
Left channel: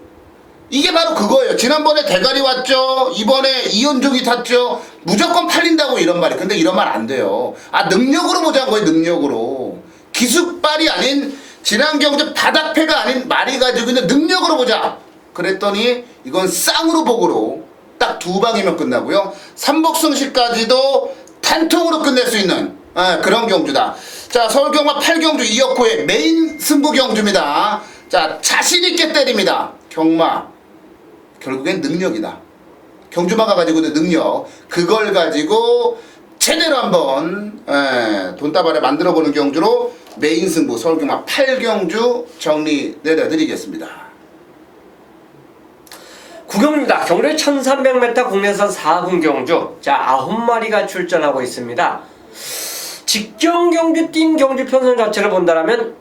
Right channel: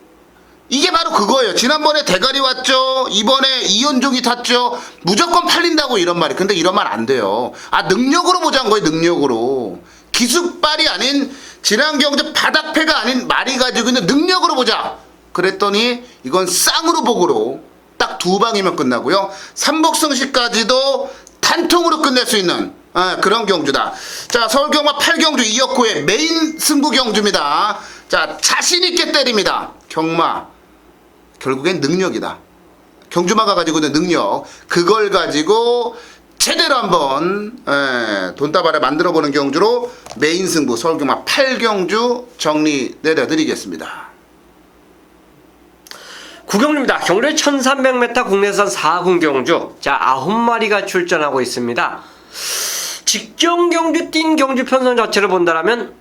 이게 바로 그거예요. 지난번에 대가리 왔죠. 이번에 이은종이 탔죠. 무조건 팔린다고 이런 말이. 근데 이런 말 안 돼요. 아, 능력으로 보자는 거예요. 능력으로. 기습발이 아닌, 지난 경제 바닥패가 아닌 말이 가지고 있는 능력으로 보자. 그랬더니 이건 쌍으로 복으로 딱 2방이면 끝나고요. 삼복승시까지도 단통으로 끝낼 수 있는 그런 경주다. 자, 서울경마 8경주 이어코의 메인 승부 경주입니다. 자, 자신있게 때립니다. 경마. 결국엔 능력이다. 경주마가 가지고 있는 능력, 그걸 가지고 제대로 한번 돈다발에 만들어보는 경주로 메인 승부 서울경마 8경주 정리 내려드리겠습니다. 구경입니다. 경로의 1300m 국내산 4군 경주. 자, 9마리가 출전하고 있습니다. 직전 경주 뛴 경주 편성 자체를 본다면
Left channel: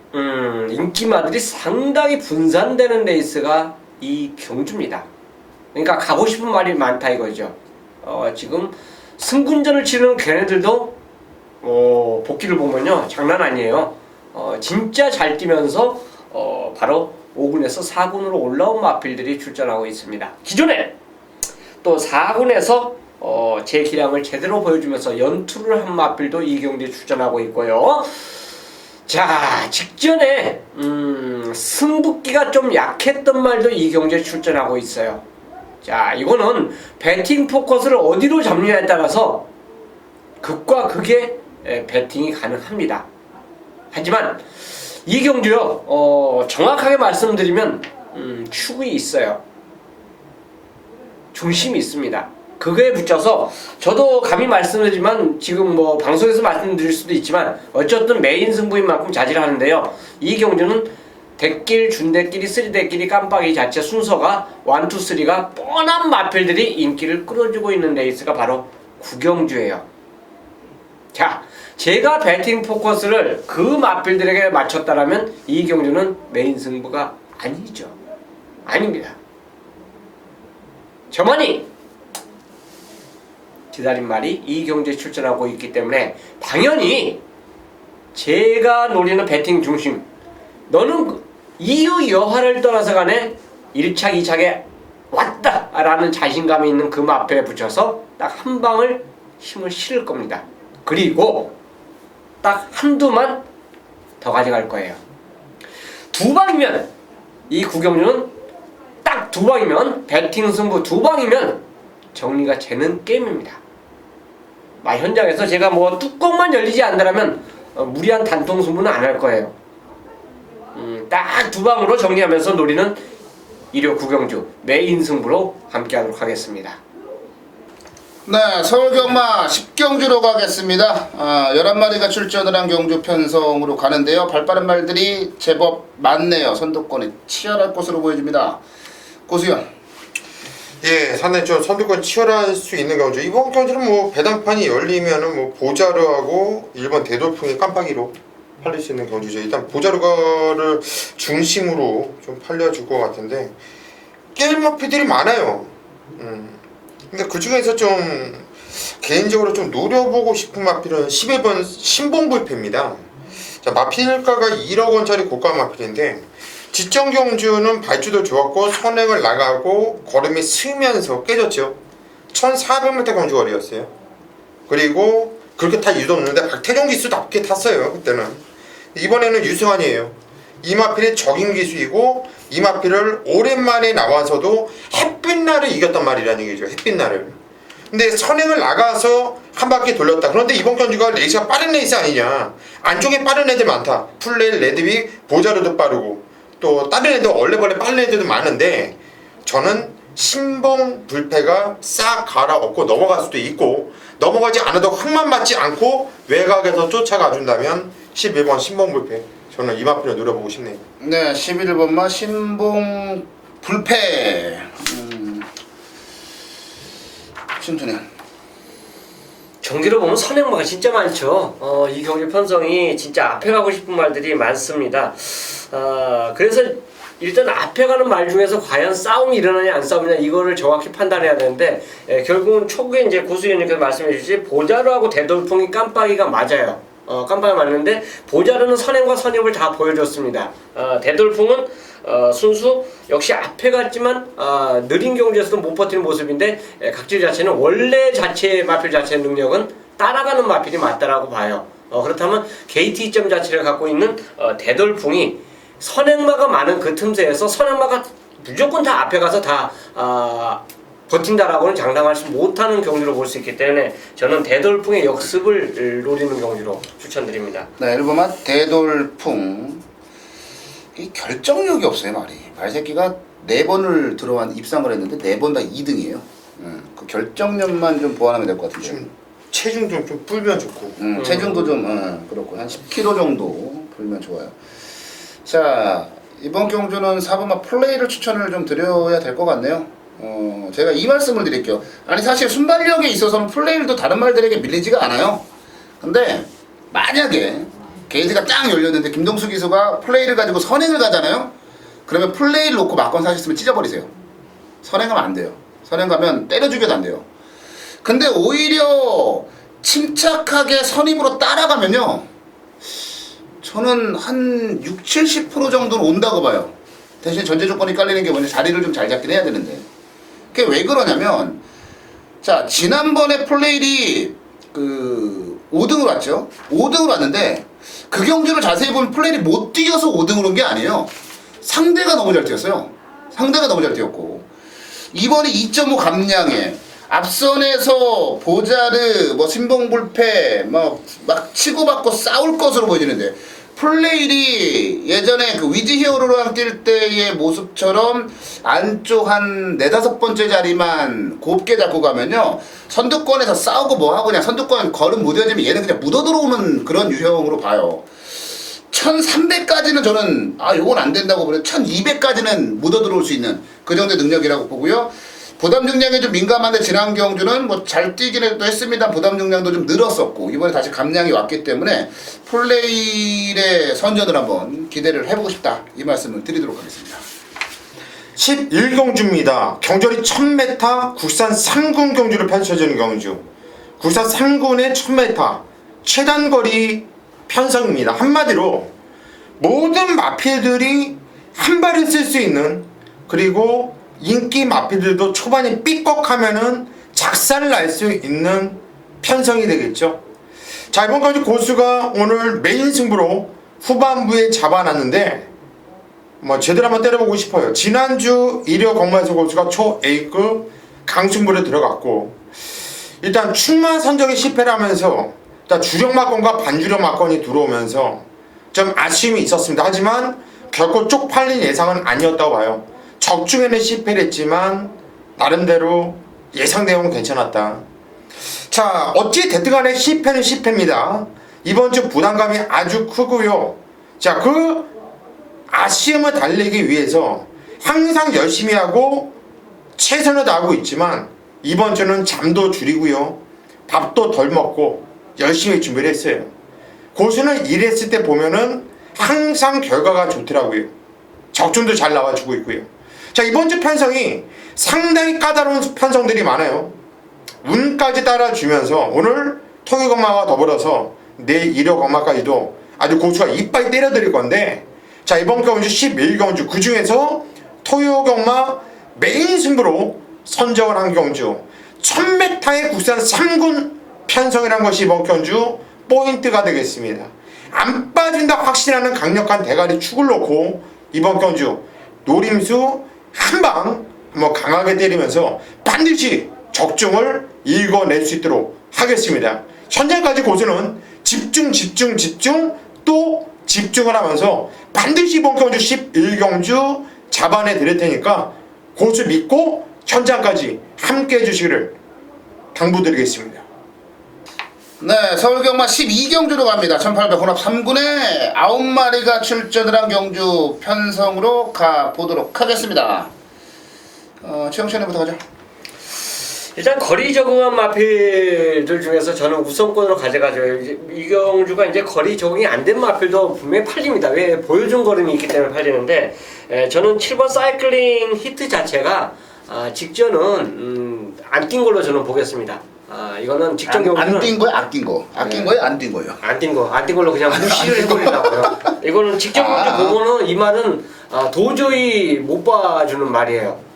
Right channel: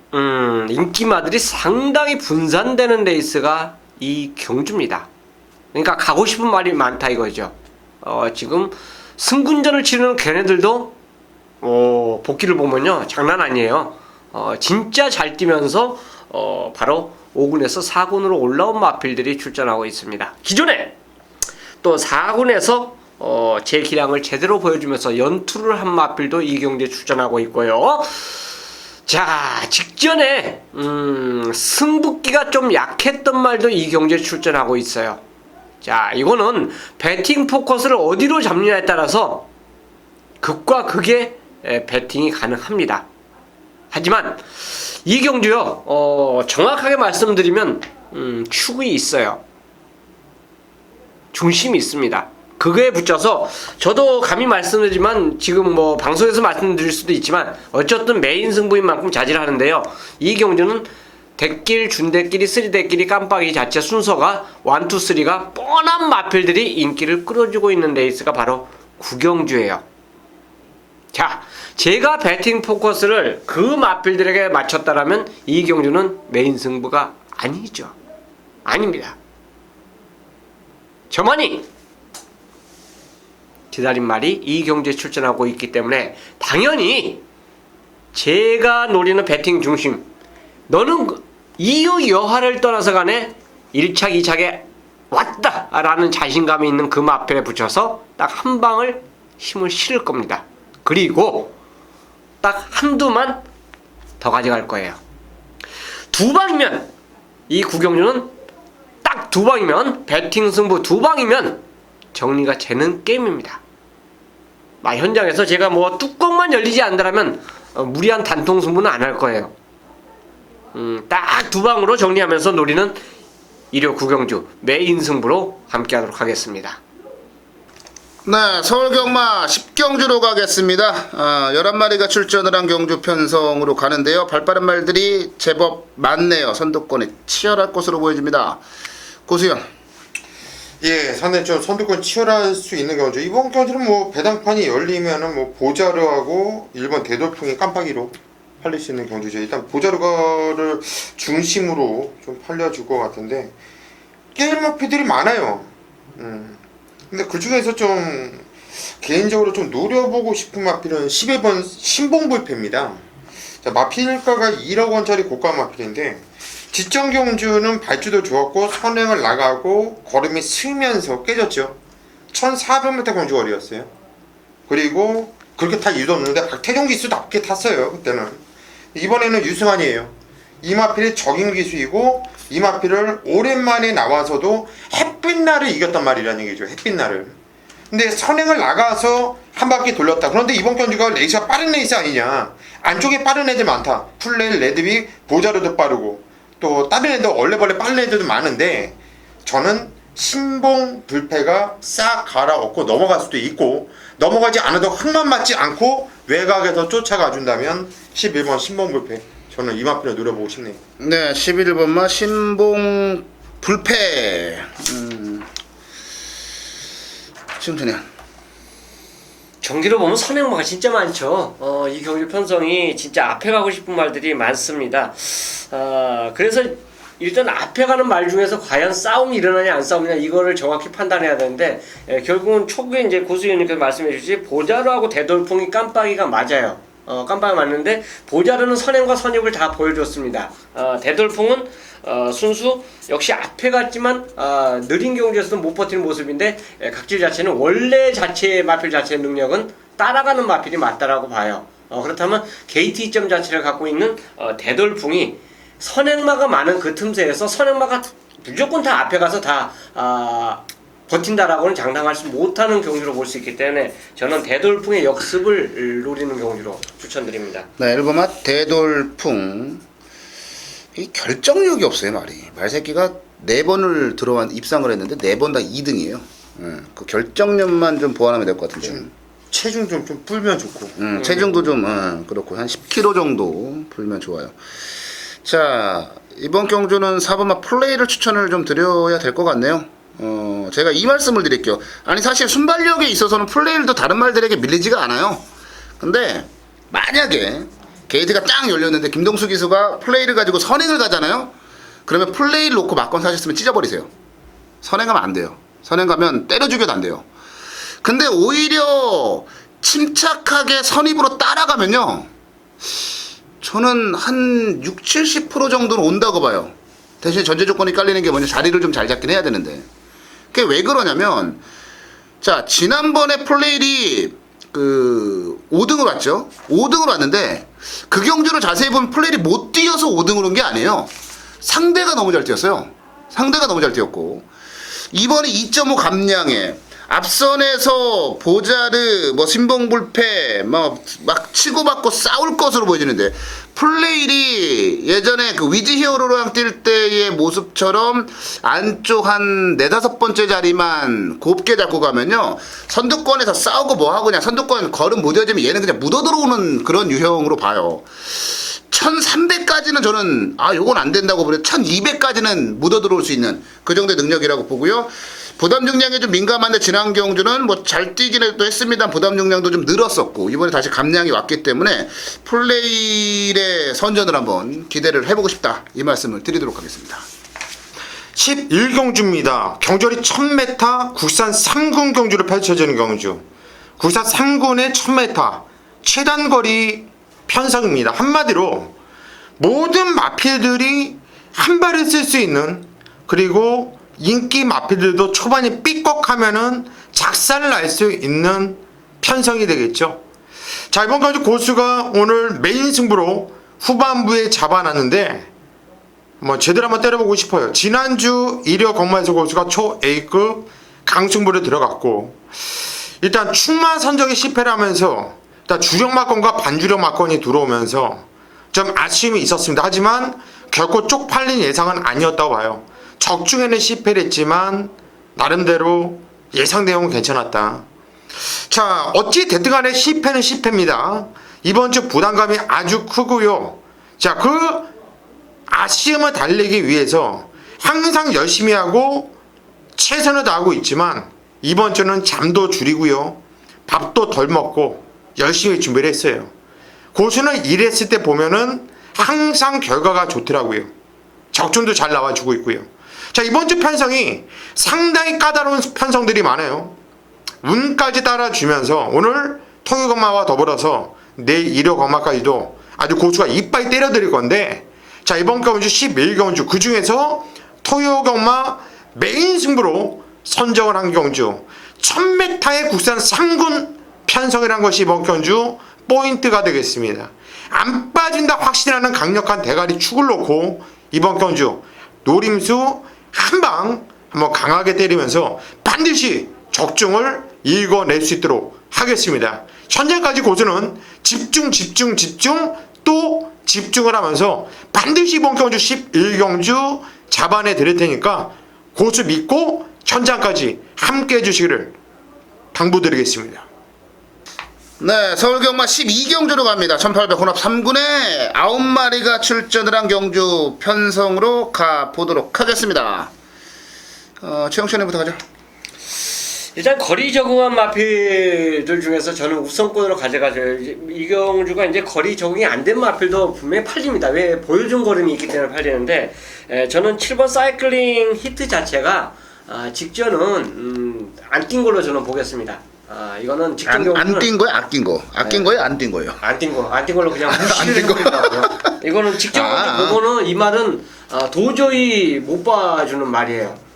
인기마들이 상당히 분산되는 레이스가 이 경주입니다. 그러니까 가고 싶은 말이 많다 이거죠. 지금 승군전을 치르는 걔네들도 복귀를 보면요, 장난 아니에요. 진짜 잘 뛰면서 바로 5군에서 4군으로 올라온 마필들이 출전하고 있습니다. 기존에 또 4군에서 제 기량을 제대로 보여주면서 연투를 한 마필도 이 경기에 출전하고 있고요. 자, 직전에 승부기가 좀 약했던 말도 이 경기에 출전하고 있어요. 자, 이거는 배팅 포커스를 어디로 잡느냐에 따라서 극과 극의 배팅이 가능합니다. 하지만 이 경주요, 정확하게 말씀드리면 축이 있어요. 중심이 있습니다. 그거에 붙여서 저도 감히 말씀드리지만 지금 뭐 방송에서 말씀드릴 수도 있지만 어쨌든 메인 승부인 만큼 자제를 하는데요. 이 경주는 대길, 준대길이, 쓰리대길이 깜빡이 자체 순서가 1, 2, 3가 뻔한 마필들이 인기를 끌어주고 있는 레이스가 바로 구경주예요. 자, 제가 배팅 포커스를 그 마필들에게 맞췄다라면 이 경주는 메인 승부가 아니죠. 아닙니다. 저만이 기다린 말이 이 경주에 출전하고 있기 때문에 당연히 제가 노리는 배팅 중심, 너는 이유 여하를 떠나서 간에 1착 2착에 왔다 라는 자신감이 있는 그 마필에 붙여서 딱 한 방을 힘을 실을 겁니다. 그리고 딱 한두만 더 가져갈 거예요. 2방이면 이 구경주는 딱 2방이면 배팅 승부 2방이면 정리가 되는 게임입니다. 현장에서 제가 뭐 뚜껑만 열리지 않는다면 무리한 단통 승부는 안 할 거예요. 딱 2방으로 정리하면서 노리는 일요 구경주 메인 승부로 함께하도록 하겠습니다. 네, 서울경마 10경주로 가겠습니다. 11마리가 출전을 한 경주 편성으로 가는데요. 발빠른 말들이 제법 많네요. 선두권이 치열할 것으로 보여집니다. 고수연. 예, 상당히 좀 선두권 치열할 수 있는 경주. 이번 경주는 뭐 배당판이 열리면은 뭐 보자르하고 일본 대돌풍이 깜빡이로 팔릴 수 있는 경주죠. 일단 보자르가를 중심으로 좀 팔려줄 것 같은데 게임 마피들이 많아요. 근데 그 중에서 좀 개인적으로 좀 노려보고 싶은 마필은 11번 신봉불패입니다. 자, 마필가가 1억 원짜리 고가 마필인데 지정 경주는 발주도 좋았고 선행을 나가고 걸음이 스면서 깨졌죠. 1400m 경주 거리였어요. 그리고 그렇게 탈 이유도 없는데 박태종 기수답게 탔어요. 그때는. 이번에는 유승환이에요. 이마필이 적임 기수이고 이마필을 오랜만에 나와서도 햇빛날을 이겼단 말이라는 얘기죠. 햇빛날을. 근데 선행을 나가서 한 바퀴 돌렸다. 그런데 이번 경주가 레이스가 빠른 레이스 아니냐. 안쪽에 빠른 애들 많다. 풀레일, 레드빅, 보자르도 빠르고 또 다른 애들 얼레벌레 빠른 애들도 많은데 저는 신봉 불패가 싹 갈아엎고 넘어갈 수도 있고 넘어가지 않아도 흙만 맞지 않고 외곽에서 쫓아가 준다면 11번 신봉 불패 저는 이마필을 노려보고 싶네요. 네, 11번마 신봉 불패. 심준현. 경기를 보면 선행마가 진짜 많죠. 이 경기 편성이 진짜 앞에 가고 싶은 말들이 많습니다. 그래서 일단 앞에 가는 말 중에서 과연 싸움이 일어나냐 안 싸우냐 이거를 정확히 판단해야 되는데 결국은 초기에 이제 고수위원님께서 말씀해 주신 보자루하고 대돌풍이 깜빡이가 맞아요. 깜빡이 맞는데 보자루는 선행과 선입을 다 보여줬습니다. 대돌풍은 순수 역시 앞에 갔지만 느린 경주에서도 못 버티는 모습인데 각질 자체는 원래 자체의 마필 자체의 능력은 따라가는 마필이 맞다라고 봐요. 그렇다면 게이트 이점 자체를 갖고 있는 대돌풍이 선행마가 많은 그 틈새에서 선행마가 무조건 다 앞에 가서 다 버틴다라고는 장담할 수 못하는 경주로 볼 수 있기 때문에 저는 대돌풍의 역습을 노리는 경주로 추천드립니다. 네, 1번마 대돌풍. 이 결정력이 없어요, 말이. 말새끼가 4번을 들어왔 입상을 했는데 4번 다 2등이에요. 그 결정력만 좀 보완하면 될 것 같은데. 체중 좀 풀면 좋고. 체중도 좀 그렇고 한 10kg 정도 풀면 좋아요. 자, 이번 경주는 4번마 플레이를 추천을 좀 드려야 될 것 같네요. 제가 이 말씀을 드릴게요. 아니 사실 순발력에 있어서는 플레이도 다른 말들에게 밀리지가 않아요. 근데 만약에 게이트가 딱 열렸는데 김동수 기수가 플레이를 가지고 선행을 가잖아요. 그러면 플레이를 놓고 막건 사셨으면 찢어버리세요. 선행하면 안 돼요. 선행 가면 때려 죽여도 안 돼요. 근데 오히려 침착하게 선입으로 따라가면요, 저는 한 60-70% 정도는 온다고 봐요. 대신 전제 조건이 깔리는 게 뭐냐, 자리를 좀 잘 잡긴 해야 되는데. 그게 왜 그러냐면, 자, 지난번에 플레일이 5등을 왔죠. 5등을 왔는데 그 경주를 자세히 보면 플레일이 못 뛰어서 5등을 온 게 아니에요. 상대가 너무 잘 뛰었어요. 상대가 너무 잘 뛰었고, 이번에 2.5 감량에 앞선에서 보자르, 신봉불패, 막 치고받고 싸울 것으로 보여지는데, 플레일이 예전에 그 위즈 히어로랑 뛸 때의 모습처럼 안쪽 한 4-5번째 자리만 곱게 잡고 가면요, 선두권에서 싸우고 뭐하고 그냥 선두권 걸음 못 이어지면 얘는 그냥 묻어들어오는 그런 유형으로 봐요. 1300까지는 저는 요건 안 된다고 보면 1200까지는 묻어들어올 수 있는 그 정도의 능력이라고 보고요. 부담 중량에 좀 민감한데 지난 경주는 잘 뛰기는 또 했습니다. 부담 중량도 좀 늘었었고 이번에 다시 감량이 왔기 때문에 플레일의 선전을 한번 기대를 해보고 싶다, 이 말씀을 드리도록 하겠습니다. 11경주입니다. 경절이 1000m 국산 3군 경주를 펼쳐지는 경주. 국산 3군의 1000m 최단거리 편성입니다. 한마디로 모든 마필들이 한 발을 쓸 수 있는, 그리고 인기 마필들도 초반에 삐걱하면은 작살을 날 수 있는 편성이 되겠죠. 자, 이번 경주 고수가 오늘 메인 승부로 후반부에 잡아놨는데 제대로 한번 때려보고 싶어요. 지난주 1호 건만서 고수가 초 A급 강승부를 들어갔고, 일단 충만 선정이 실패를 하면서 일단 주력 막건과 반주력 막건이 들어오면서 좀 아쉬움이 있었습니다. 하지만 결코 쪽팔린 예상은 아니었다고 봐요. 적중에는 실패를 했지만 나름대로 예상 내용은 괜찮았다. 자, 어찌 됐든 간에 실패는 실패입니다. 이번 주 부담감이 아주 크고요. 자, 그 아쉬움을 달래기 위해서 항상 열심히 하고 최선을 다하고 있지만 이번 주는 잠도 줄이고요, 밥도 덜 먹고 열심히 준비를 했어요. 고수는 일했을 때 보면은 항상 결과가 좋더라고요. 적중도 잘 나와주고 있고요. 자, 이번 주 편성이 상당히 까다로운 편성들이 많아요. 운까지 따라주면서 오늘 통일건마와 더불어서 내일 1호 건마까지도 아주 고수가 이빨 때려드릴 건데, 자, 이번 경주 11경주 그 중에서 통일건마 메인 승부로 선정을 한 경주 1000m의 국산 3군 편성이라는 것이 이번 경주 포인트가 되겠습니다. 안 빠진다 확신하는 강력한 대가리 축을 놓고 이번 경주 노림수 한방 한번 강하게 때리면서 반드시 적중을 읽어낼 수 있도록 하겠습니다. 현재까지 고수는 집중 또 집중을 하면서 반드시 이번 경주 11경주 잡아내 드릴 테니까 고수 믿고 현장까지 함께 해주시기를 당부드리겠습니다. 네, 서울경마 12경주로 갑니다. 1800 혼합 3군에 9마리가 출전을 한 경주 편성으로 가보도록 하겠습니다. 최영천이부터 가죠. 일단 거리 적응한 마필들 중에서 저는 우선권으로 가져가죠. 이 경주가 이제 거리 적응이 안 된 마필도 분명히 팔립니다. 왜? 보여준 걸음이 있기 때문에 팔리는데, 저는 7번 사이클링 히트 자체가 직전은 안 뛴 걸로 저는 보겠습니다. 이거는 직전 경우는 안 뛴 거야? 아낀 거? 아낀 거예요? 안 뛴 거예요? 안 뛴 걸로 그냥 무시를 해버립니다. 이거는 직전 경주 보고는 이 말은 도저히 못 봐주는 말이에요.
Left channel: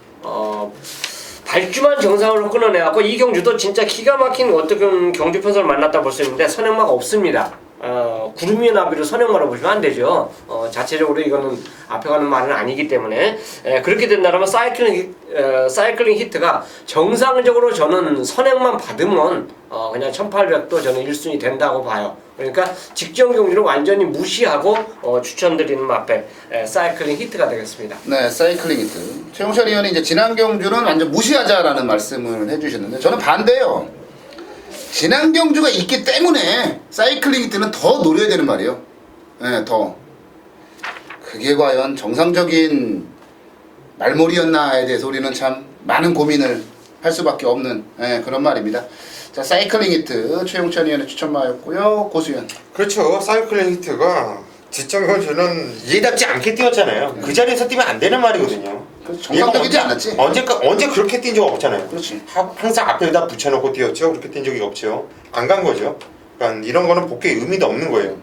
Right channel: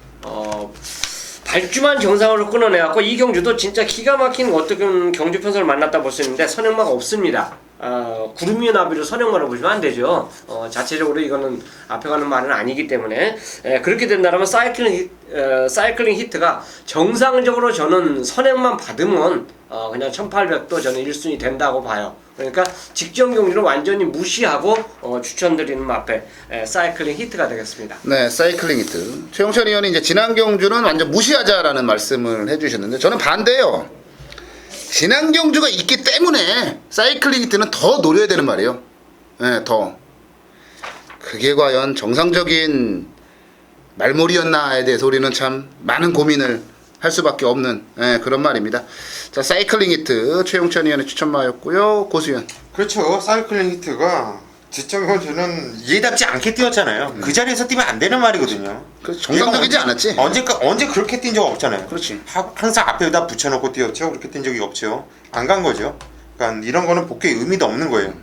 발주만 정상으로 끊어내갖고 이 경주도 진짜 기가 막힌 어떤 경주 편성을 만났다 볼 수 있는데 선행마가 없습니다. 구름 위의 나비로 선행마로 보시면 안 되죠. 자체적으로 이거는 앞에 가는 말은 아니기 때문에 그렇게 된다면 사이클링 히트가 정상적으로 저는 선행만 받으면 그냥 1800도 저는 1순위 된다고 봐요. 그러니까 직전 경기를 완전히 무시하고 추천드리는 마필 사이클링 히트가 되겠습니다. 네, 사이클링 히트. 최용찬 의원이 이제 지난 경주는 완전 무시하자라는 말씀을 해주셨는데 저는 반대예요. 지난 경주가 있기 때문에 사이클링 히트는 더 노려야 되는 말이에요. 네, 더. 그게 과연 정상적인 말몰이였나에 대해서 우리는 참 많은 고민을 할 수밖에 없는 그런 말입니다. 자, 사이클링 히트 최용찬 의원의 추천마였고요. 고수현. 그렇죠. 사이클링 히트가 지점을 저는 이해답지 않게 뛰었잖아요. 그 자리에서 뛰면 안 되는 말이거든요. 정상적이지 않았지. 언제 그렇게 뛴 적 없잖아요. 그렇지. 항상 앞에다 붙여놓고 뛰었죠. 그렇게 뛴 적이 없죠. 안 간 거죠. 그러니까 이런 거는 복귀의 의미도 없는 거예요.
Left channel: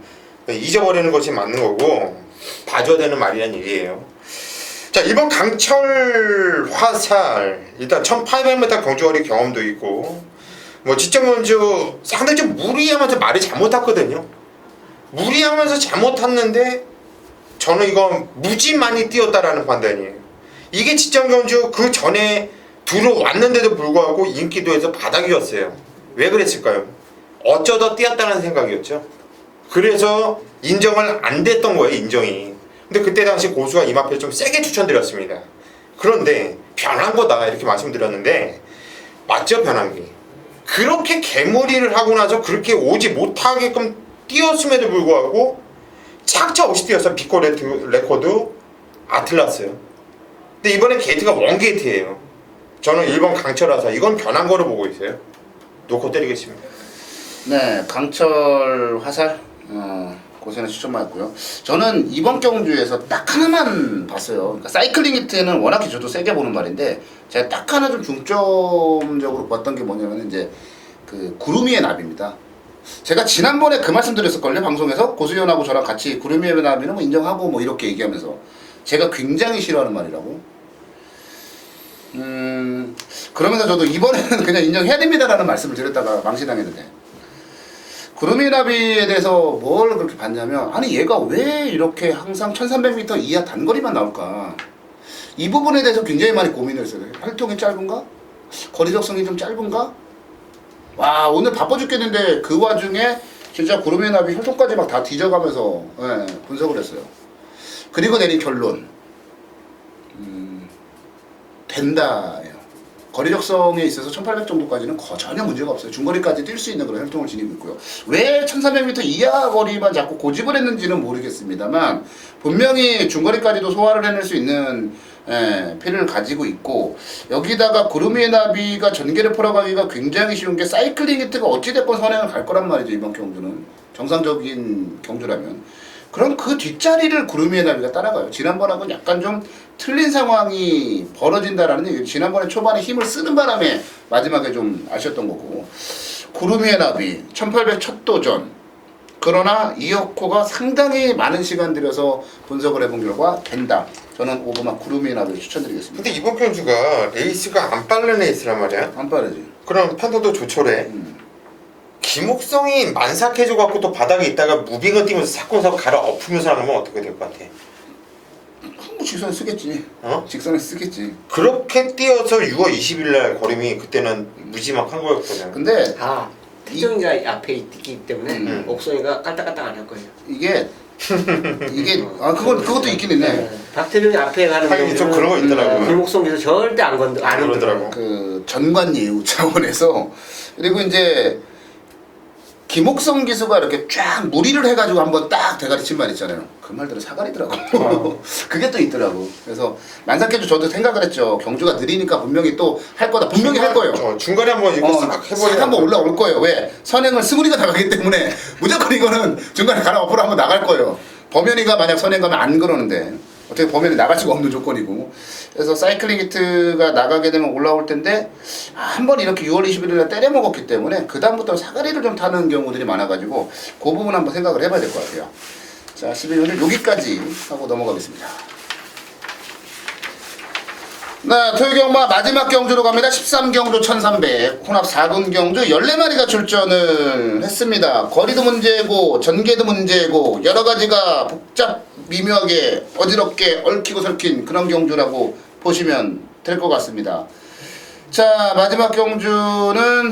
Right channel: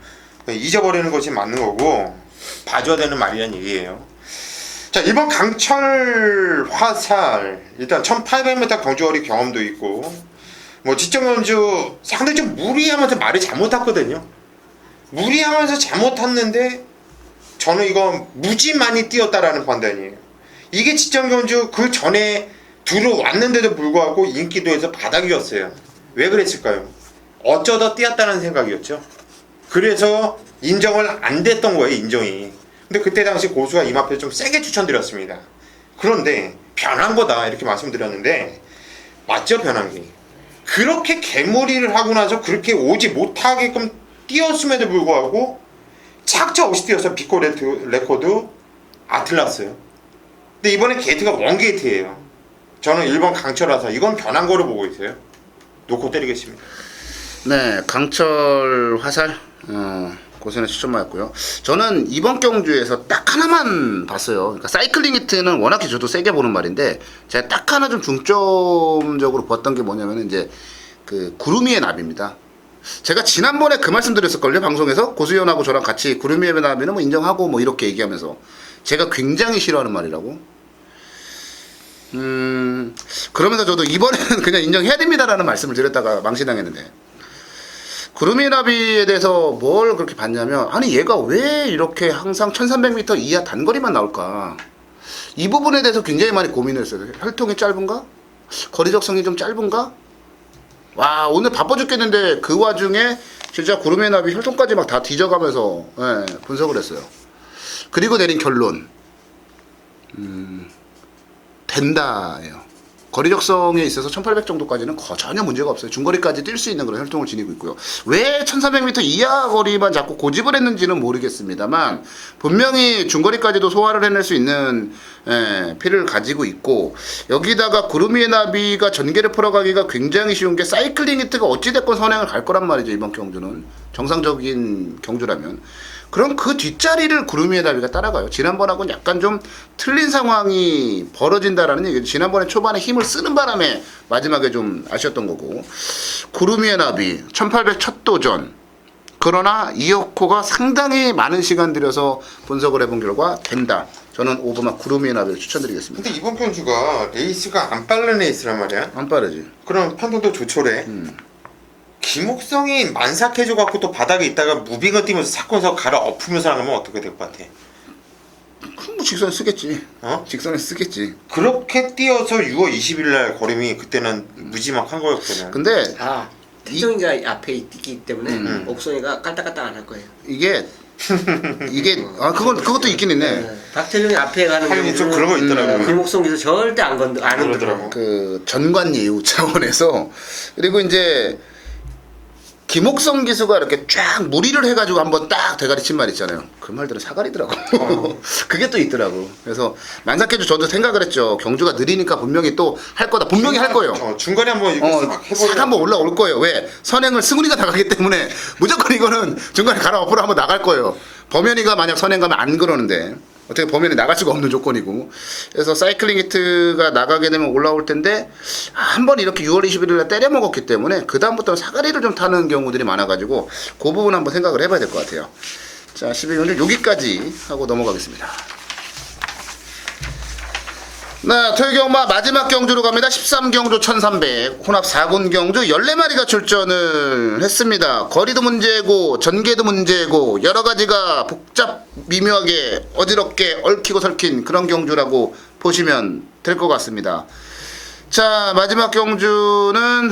그러니까 잊어버리는 것이 맞는 거고 봐줘야 되는 말이란 얘기예요. 자, 이번 강철 화살 일단 1800m 경주거리 경험도 있고 뭐 지점 경주 상당히 좀 무리하면서 말이 잘못 탔거든요. 무리하면서 잘못 탔는데 저는 이거 무지 많이 뛰었다라는 판단이에요. 이게 지점 경주 그 전에 들어왔는데도 불구하고 인기도에서 바닥이었어요. 왜 그랬을까요? 어쩌다 뛰었다는 생각이었죠. 그래서 인정을 안 됐던 거예요, 인정이. 근데 그때 당시 고수가 이 마필 좀 세게 추천드렸습니다. 그런데 변한 거다 이렇게 말씀드렸는데 맞죠, 변한 게. 그렇게 개무리를 하고 나서 그렇게 오지 못하게끔 뛰었음에도 불구하고 착차 없이 뛰어서 비코 레코드 아틀라스요. 근데 이번에 게이트가 원게이트예요. 저는 1번 강철화사 이건 변한 거로 보고 있어요. 놓고 때리겠습니다. 네, 강철 화살 고선의 추천마였고요. 저는 이번 경주에서 딱 하나만 봤어요. 그러니까 사이클링 히트는 워낙에 저도 세게 보는 말인데 제가 딱 하나 좀 중점적으로 봤던 게 뭐냐면 이제 그 구름이의 나비입니다. 제가 지난번에 그 말씀 드렸을걸요, 방송에서. 고수연하고 저랑 같이 구름이의 나비는 뭐 인정하고 뭐 이렇게 얘기하면서 제가 굉장히 싫어하는 말이라고. 그러면서 저도 이번에는 그냥 인정해야 됩니다라는 말씀을 드렸다가 망신당했는데, 구름이의 나비에 대해서 뭘 그렇게 봤냐면, 아니 얘가 왜 이렇게 항상 1300m 이하 단거리만 나올까, 이 부분에 대해서 굉장히 많이 고민을 했어요. 혈통이 짧은가? 거리 적성이 좀 짧은가? 와, 오늘 바빠 죽겠는데 그 와중에 진짜 구름의 나비 혈통까지 막 다 뒤져가면서 분석을 했어요. 그리고 내린 결론, 된다예요. 거리 적성에 있어서 1800 정도까지는 전혀 문제가 없어요. 중거리까지 뛸 수 있는 그런 혈통을 지니고 있고요. 왜 1400m 이하 거리만 자꾸 고집을 했는지는 모르겠습니다만 분명히 중거리까지도 소화를 해낼 수 있는 피를 가지고 있고, 여기다가 구름이의 나비가 전개를 풀어가기가 굉장히 쉬운 게 사이클링 히트가 어찌됐건 선행을 갈 거란 말이죠. 이번 경주는 정상적인 경주라면. 그럼 그 뒷자리를 구름이의 나비가 따라가요. 지난번하고는 약간 좀 틀린 상황이 벌어진다라는 얘기죠. 지난번에 초반에 힘을 쓰는 바람에 마지막에 좀 아쉬웠던 거고, 구름이의 나비 1800 첫 도전 그러나 이어코가 상당히 많은 시간 들여서 분석을 해본 결과 된다. 저는 오버마 구루미나를 추천드리겠습니다. 근데 이번 경주가 레이스가 안 빠른 레이스란 말이야. 안 빠르지. 그럼 판도도 조촐해. 김옥성이 만삭해져 갖고 또 바닥에 있다가 무빙을 뛰면서 사건사고 갈아 엎으면서 하면 어떻게 될 것 같아? 그럼 뭐 직선에 쓰겠지. 어? 직선에 쓰겠지. 그렇게 뛰어서 6월 20일 날 걸음이 그때는 무지막한 거였거든. 근데 태정이가 앞에 있기 때문에 옥성이가 깔딱깔딱 안 할 거예요. 이게 그것도 있긴 있네. 박태정이 앞에 가는 하긴 좀 그런 거 있더라고요. 김옥성에서 절대 안 그러더라고. 그 전관 예우 차원에서 그리고 이제 김옥성 기수가 이렇게 쫙 무리를 해가지고 한번 딱 대가리 친 말 있잖아요. 그 말들은 사가리더라고. 그게 또 있더라고. 그래서 만삭해도 저도 생각을 했죠. 경주가 느리니까 분명히 또 할 거다. 분명히 할 거예요. 중간에 한번 이거 싹 해보려. 싹 한번 올라올 거예요. 왜? 선행을 승훈이가 나가기 때문에 무조건 이거는 중간에 갈아 엎으러 한번 나갈 거예요. 범현이가 만약 선행 가면 안 그러는데 어떻게 범현이 나갈 수가 없는 조건이고. 그래서 사이클링 히트가 나가게 되면 올라올 텐데 한 번 이렇게 6월 21일에 때려 먹었기 때문에 그 다음부터는 사가리를 좀 타는 경우들이 많아가지고 그 부분 한번 생각을 해봐야 될 것 같아요. 자, 12월을 여기까지 하고 넘어가겠습니다. 네, 토요경마 마지막 경주로 갑니다. 13경주 1300 혼합 4군 경주 14마리가 출전을 했습니다. 거리도 문제고 전개도 문제고 여러가지가 복잡 미묘하게 어지럽게 얽히고 설킨 그런 경주라고 보시면 될 것 같습니다. 자, 마지막 경주는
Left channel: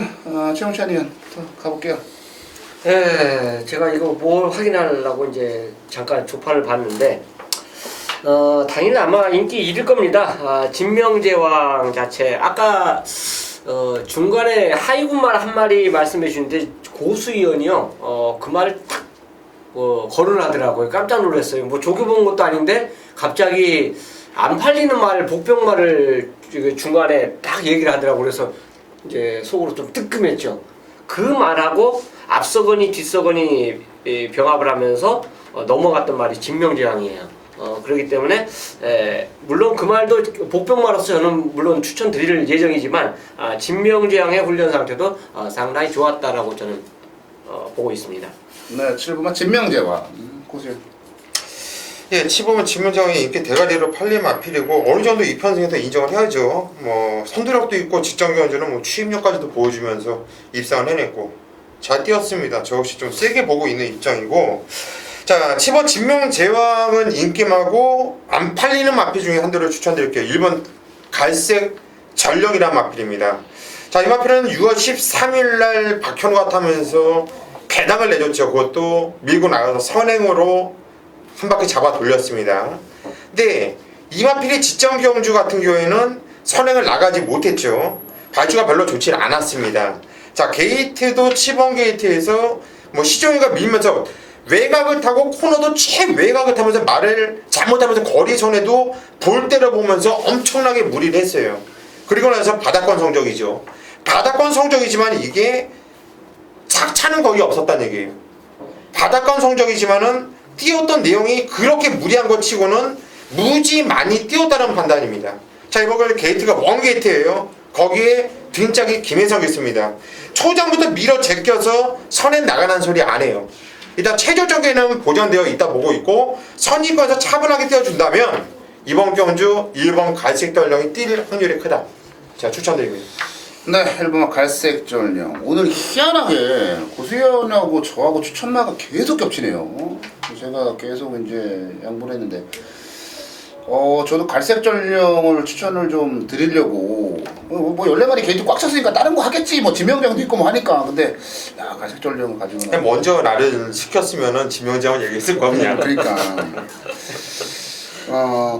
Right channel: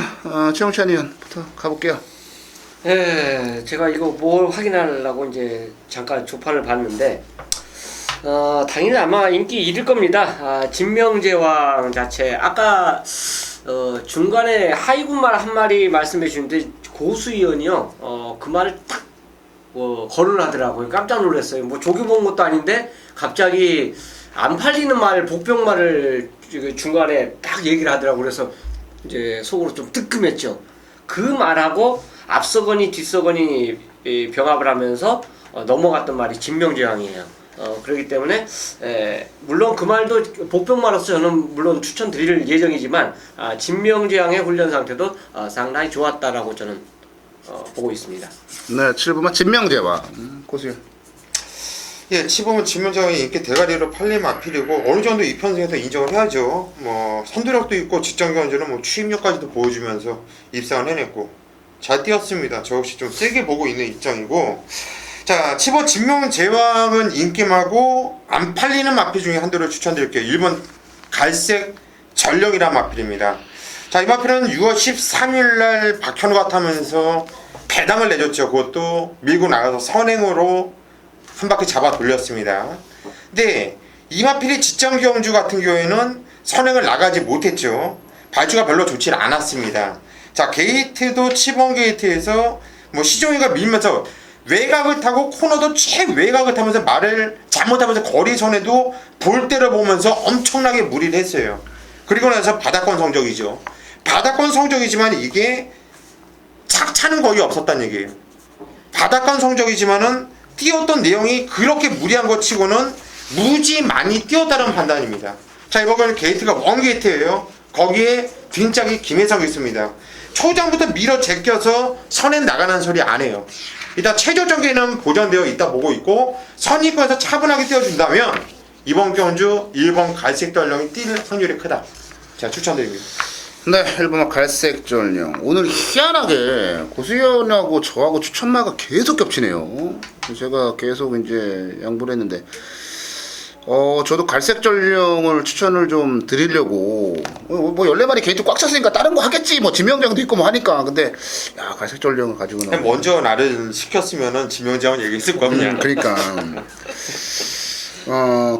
최영찬 의원부터 가볼게요. 네, 제가 이거 뭘 확인하려고 이제 잠깐 조판을 봤는데 당연히 아마 인기 1일 겁니다. 진명제왕 자체 아까 중간에 하이군말 한 마리 말씀해 주는데 고수위원이요 그 말을 딱 거론하더라고요. 깜짝 놀랐어요. 뭐 조교본 것도 아닌데 갑자기 안 팔리는 말 복병말을 중간에 딱 얘기를 하더라고요. 그래서 이제 속으로 좀 뜨끔했죠. 그 말하고 앞서거니 뒤서거니 병합을 하면서 넘어갔던 말이 진명제왕이에요. 그렇기 때문에 물론 그 말도 복병마로서 저는 물론 추천드릴 예정이지만 진명제왕의 훈련 상태도 상당히 좋았다라고 저는 보고 있습니다. 네, 7부만 진명제왕 고수위원. 예, 치보면 진명장이 이렇게 대가리로 팔리면 앞이고 어느 정도 이 편승에서 인정을 해야죠. 뭐 선두력도 있고 직전 경주는 뭐 추임력까지도 보여주면서 입상을 해냈고 잘 뛰었습니다. 저 역시 좀 세게 보고 있는 입장이고. 자, 7번 진명제왕은 인기마고 안 팔리는 마필 중에 한 대를 추천드릴게요. 1번 갈색 전령이라는 마필입니다. 자, 이 마필은 6월 13일날 박현우가 타면서 개당을 내줬죠. 그것도 밀고 나가서 선행으로 한 바퀴 잡아 돌렸습니다. 근데 이 마필의 직전 경주 같은 경우에는 선행을 나가지 못했죠. 발주가 별로 좋지 않았습니다. 자, 게이트도 7번 게이트에서 뭐 시종이가 밀면서 외곽을 타고 코너도 최외곽을 타면서 말을 잘못하면서 거리선에도 볼 때를 보면서 엄청나게 무리를 했어요. 그리고 나서 바닥권 성적이죠. 바닥권 성적이지만 이게 착차는 거의 없었다는 얘기예요. 바닥권 성적이지만은 뛰었던 내용이 그렇게 무리한 것 치고는 무지 많이 뛰었다는 판단입니다. 자, 이번에는 게이트가 원 게이트예요. 거기에 뒷짝이 김혜성이 있습니다. 초장부터 밀어 제껴서 선에 나가는 소리 안 해요. 일단 체조 전개는 보존되어 있다 보고 있고 선입권에서 차분하게 띄워준다면 이번 경주 1번 갈색 전령이 뛸 확률이 크다. 자, 추천드리고요. 네, 1번 갈색 전령. 오늘 희한하게 고수위원하고 저하고 추천마가 계속 겹치네요. 제가 계속 이제 양보를 했는데 저도 갈색 전령을 추천을 좀 드리려고 뭐 14마리 게이트 꽉 찼으니까 다른 거 하겠지 뭐 지명장도 있고 뭐 하니까 근데 야 갈색 전령을 가지고는 먼저 나를 시켰으면은 지명장을 얘기했을 거 아니야. 그러니까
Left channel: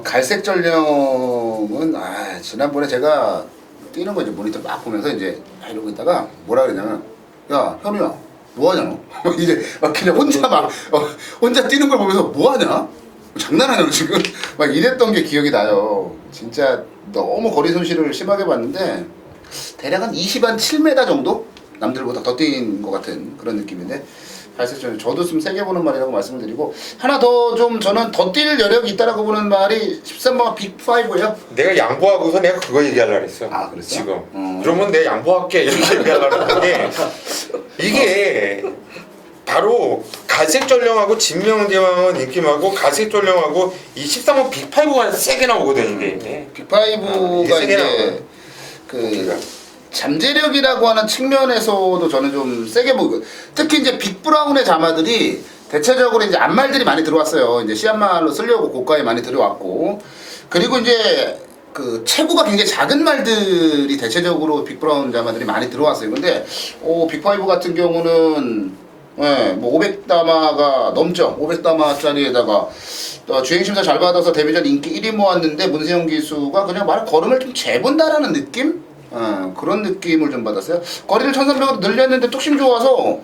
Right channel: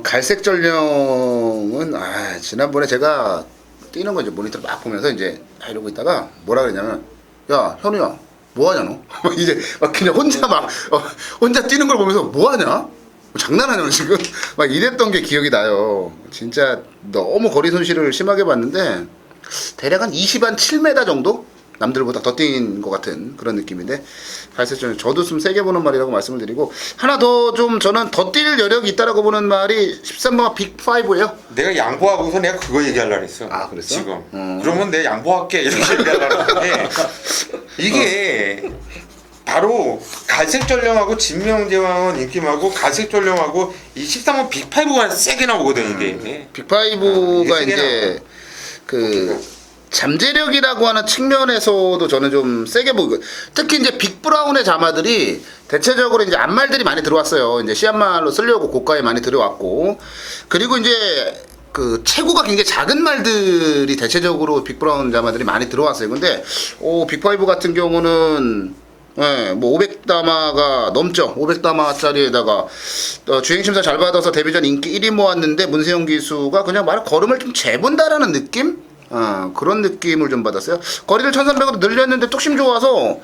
갈색 전령은 지난번에 제가 뛰는 거 이제 모니터 막 보면서 이제 이러고 있다가 뭐라 그러냐면 야 현우야 뭐하냐 너 이제 막 그냥 혼자 막 혼자 뛰는 걸 보면서 뭐하냐 장난하냐 너 지금 막 이랬던 게 기억이 나요. 진짜 너무 거리 손실을 심하게 봤는데 대략 한 20한 7m 정도 남들보다 더 뛴 것 같은 그런 느낌인데 갈색 전령 저도 좀 세게 보는 말이라고 말씀을 드리고 하나 더 좀 저는 더 뛸 여력이 있다라고 보는 말이 13번 빅5예요. 내가 양보하고서 내가 그거 얘기하려고 했어. 아, 그랬어? 지금. 그러면 내가 양보할게 이렇게 얘기하려고 했는데 이게 바로 갈색 전령하고 진명대왕은 인기마고 갈색 전령하고 이 13번 빅5가 세게 나오거든 이게. 빅5가 이게 세게 이제 그 잠재력이라고 하는 측면에서도 저는 좀 세게 보고, 특히 이제 빅브라운의 자마들이 대체적으로 이제 암말들이 많이 들어왔어요. 이제 시암말로 쓰려고 고가에 많이 들어왔고, 그리고 이제 그 체구가 굉장히 작은 말들이 대체적으로 빅브라운 자마들이 많이 들어왔어요. 근데 빅5 같은 경우는 뭐 500다마가 넘죠. 500다마짜리에다가 주행심사 잘 받아서 데뷔전 인기 1위 모았는데 문세영 기수가 그냥 말 걸음을 좀 재본다라는 느낌? 그런 느낌을 좀 받았어요. 거리를 1300으로 늘렸는데 뚝심 좋아서,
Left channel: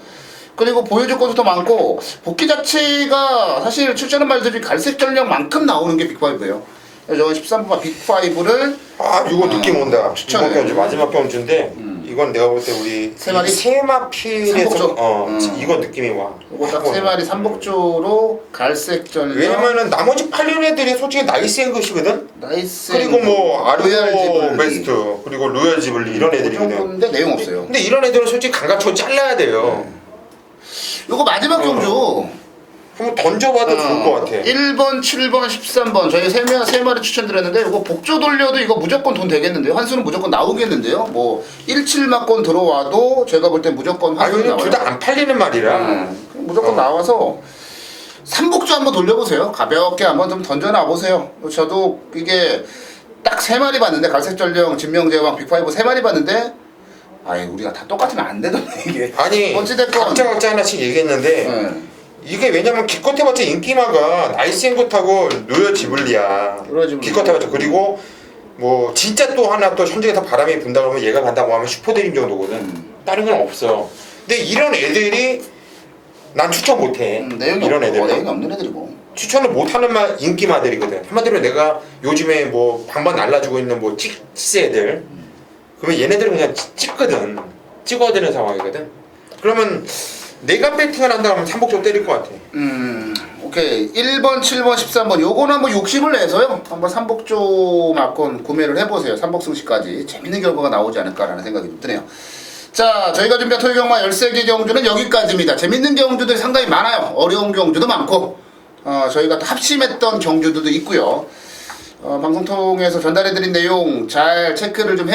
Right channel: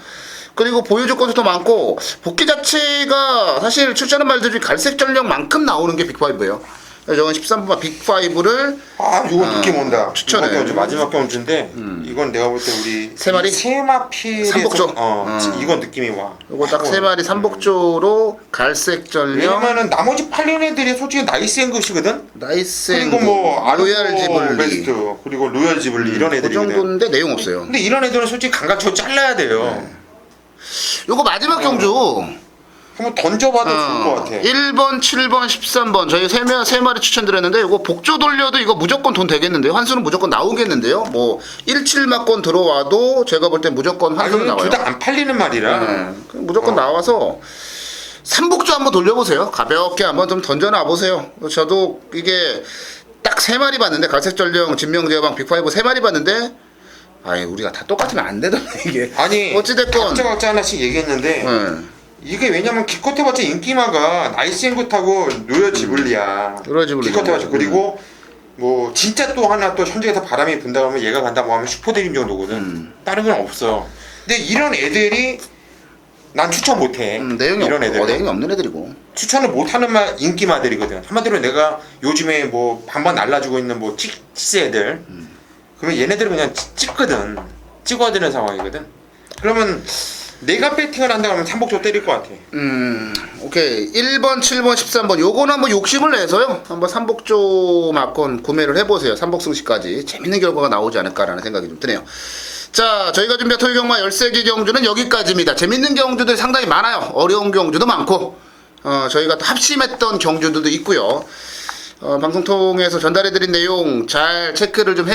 그리고 보유 조건도 더 많고, 복귀 자체가 사실 출전한 말들이 갈색 전력만큼 나오는 게 빅5예요. 저건 13번 빅5를 이거 느낌 온다. 추천해. 이번 경주 마지막 경주인데 이건 내가 볼 때 우리 세 마리? 세마필에서 삼복조? 이거 느낌이 와. 요거 딱 세 마리 삼복조로 갈색 전력, 왜냐면은 나머지 8년 애들이 솔직히 나이스한 것이거든. 나이스, 그리고 뭐 로얄 아르고 지블리 베스트 그리고 로얄 지블리 이런 그 애들이거든. 정도인데 내용 없어요. 근데 이런 애들은 솔직히 강가쳐 잘라야 돼요. 요거 마지막 경주 한번 던져봐도 좋을 것 같아. 1번, 7번, 13번 저희 세 마리 추천드렸는데, 이거 복조 돌려도 이거 무조건 돈 되겠는데요? 환수는 무조건 나오겠는데요? 뭐 17막권 들어와도 제가 볼 땐 무조건 환수는 나와요. 둘 다 안 팔리는 말이라. 무조건 나와서 삼복조 한번 돌려보세요. 가볍게 한번 좀 던져놔 보세요. 저도 이게 딱 세 마리 봤는데, 갈색전령, 진명제왕, 빅5 세 마리 봤는데, 아니 우리가 다 똑같으면 안 되던데 이게. 아니 어찌됐건 각자 하나씩 얘기했는데 이게 왜냐면 기껏해봤자 인기마가 나이스앵굿하고 로열 지블리야. 로열 지블리. 기껏해봤자. 그리고 뭐 진짜 또 하나 또 현장에 다 바람이 분다 그러면 얘가 간다고 하면 슈퍼드림 정도거든. 다른 건 없어. 근데 이런 애들이 난 추천 못해. 내용이 이런 애들. 내용이 없는 애들이고. 추천을 못하는 인기마들이거든. 한마디로 내가 요즘에 뭐 방방 날라주고 있는 뭐 찌스 애들. 그러면 얘네들은 그냥 찍거든. 찍어야 되는 상황이거든. 그러면 내가 배팅을 한다 하면 삼복조 때릴 것 같아. 오케이. 1번, 7번, 13번 요거는 한번 욕심을 내서요, 한번 삼복조 막권 구매를 해보세요. 삼복승시까지 재밌는 결과가 나오지 않을까라는 생각이 좀 드네요. 자, 저희가 준비한 토요경마 13개 경주는 여기까지입니다. 재밌는 경주들 상당히 많아요. 어려운 경주도 많고, 저희가 또 합심했던 경주들도 있고요. 방송 통해서 전달해드린 내용 잘 체크를 좀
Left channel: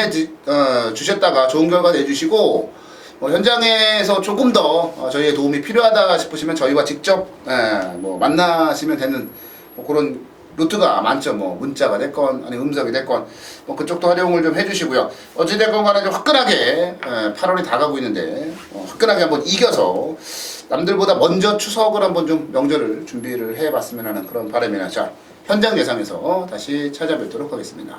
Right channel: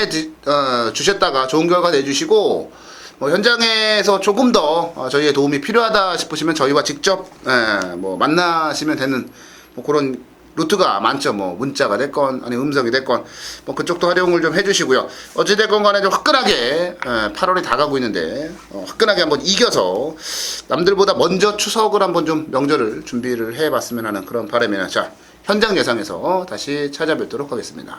주셨다가 좋은 결과 내주시고, 현장에서 조금 더 저희의 도움이 필요하다 싶으시면 저희와 직접 뭐 만나시면 되는 뭐 그런 루트가 많죠. 뭐 문자가 됐건 아니 음성이 됐건 뭐 그쪽도 활용을 좀 해주시고요. 어찌됐건 간에 좀 화끈하게 8월이 다가고 있는데 화끈하게 한번 이겨서 남들보다 먼저 추석을 한번 좀 명절을 준비를 해봤으면 하는 그런 바람이나, 자 현장 예상에서 다시 찾아뵙도록 하겠습니다.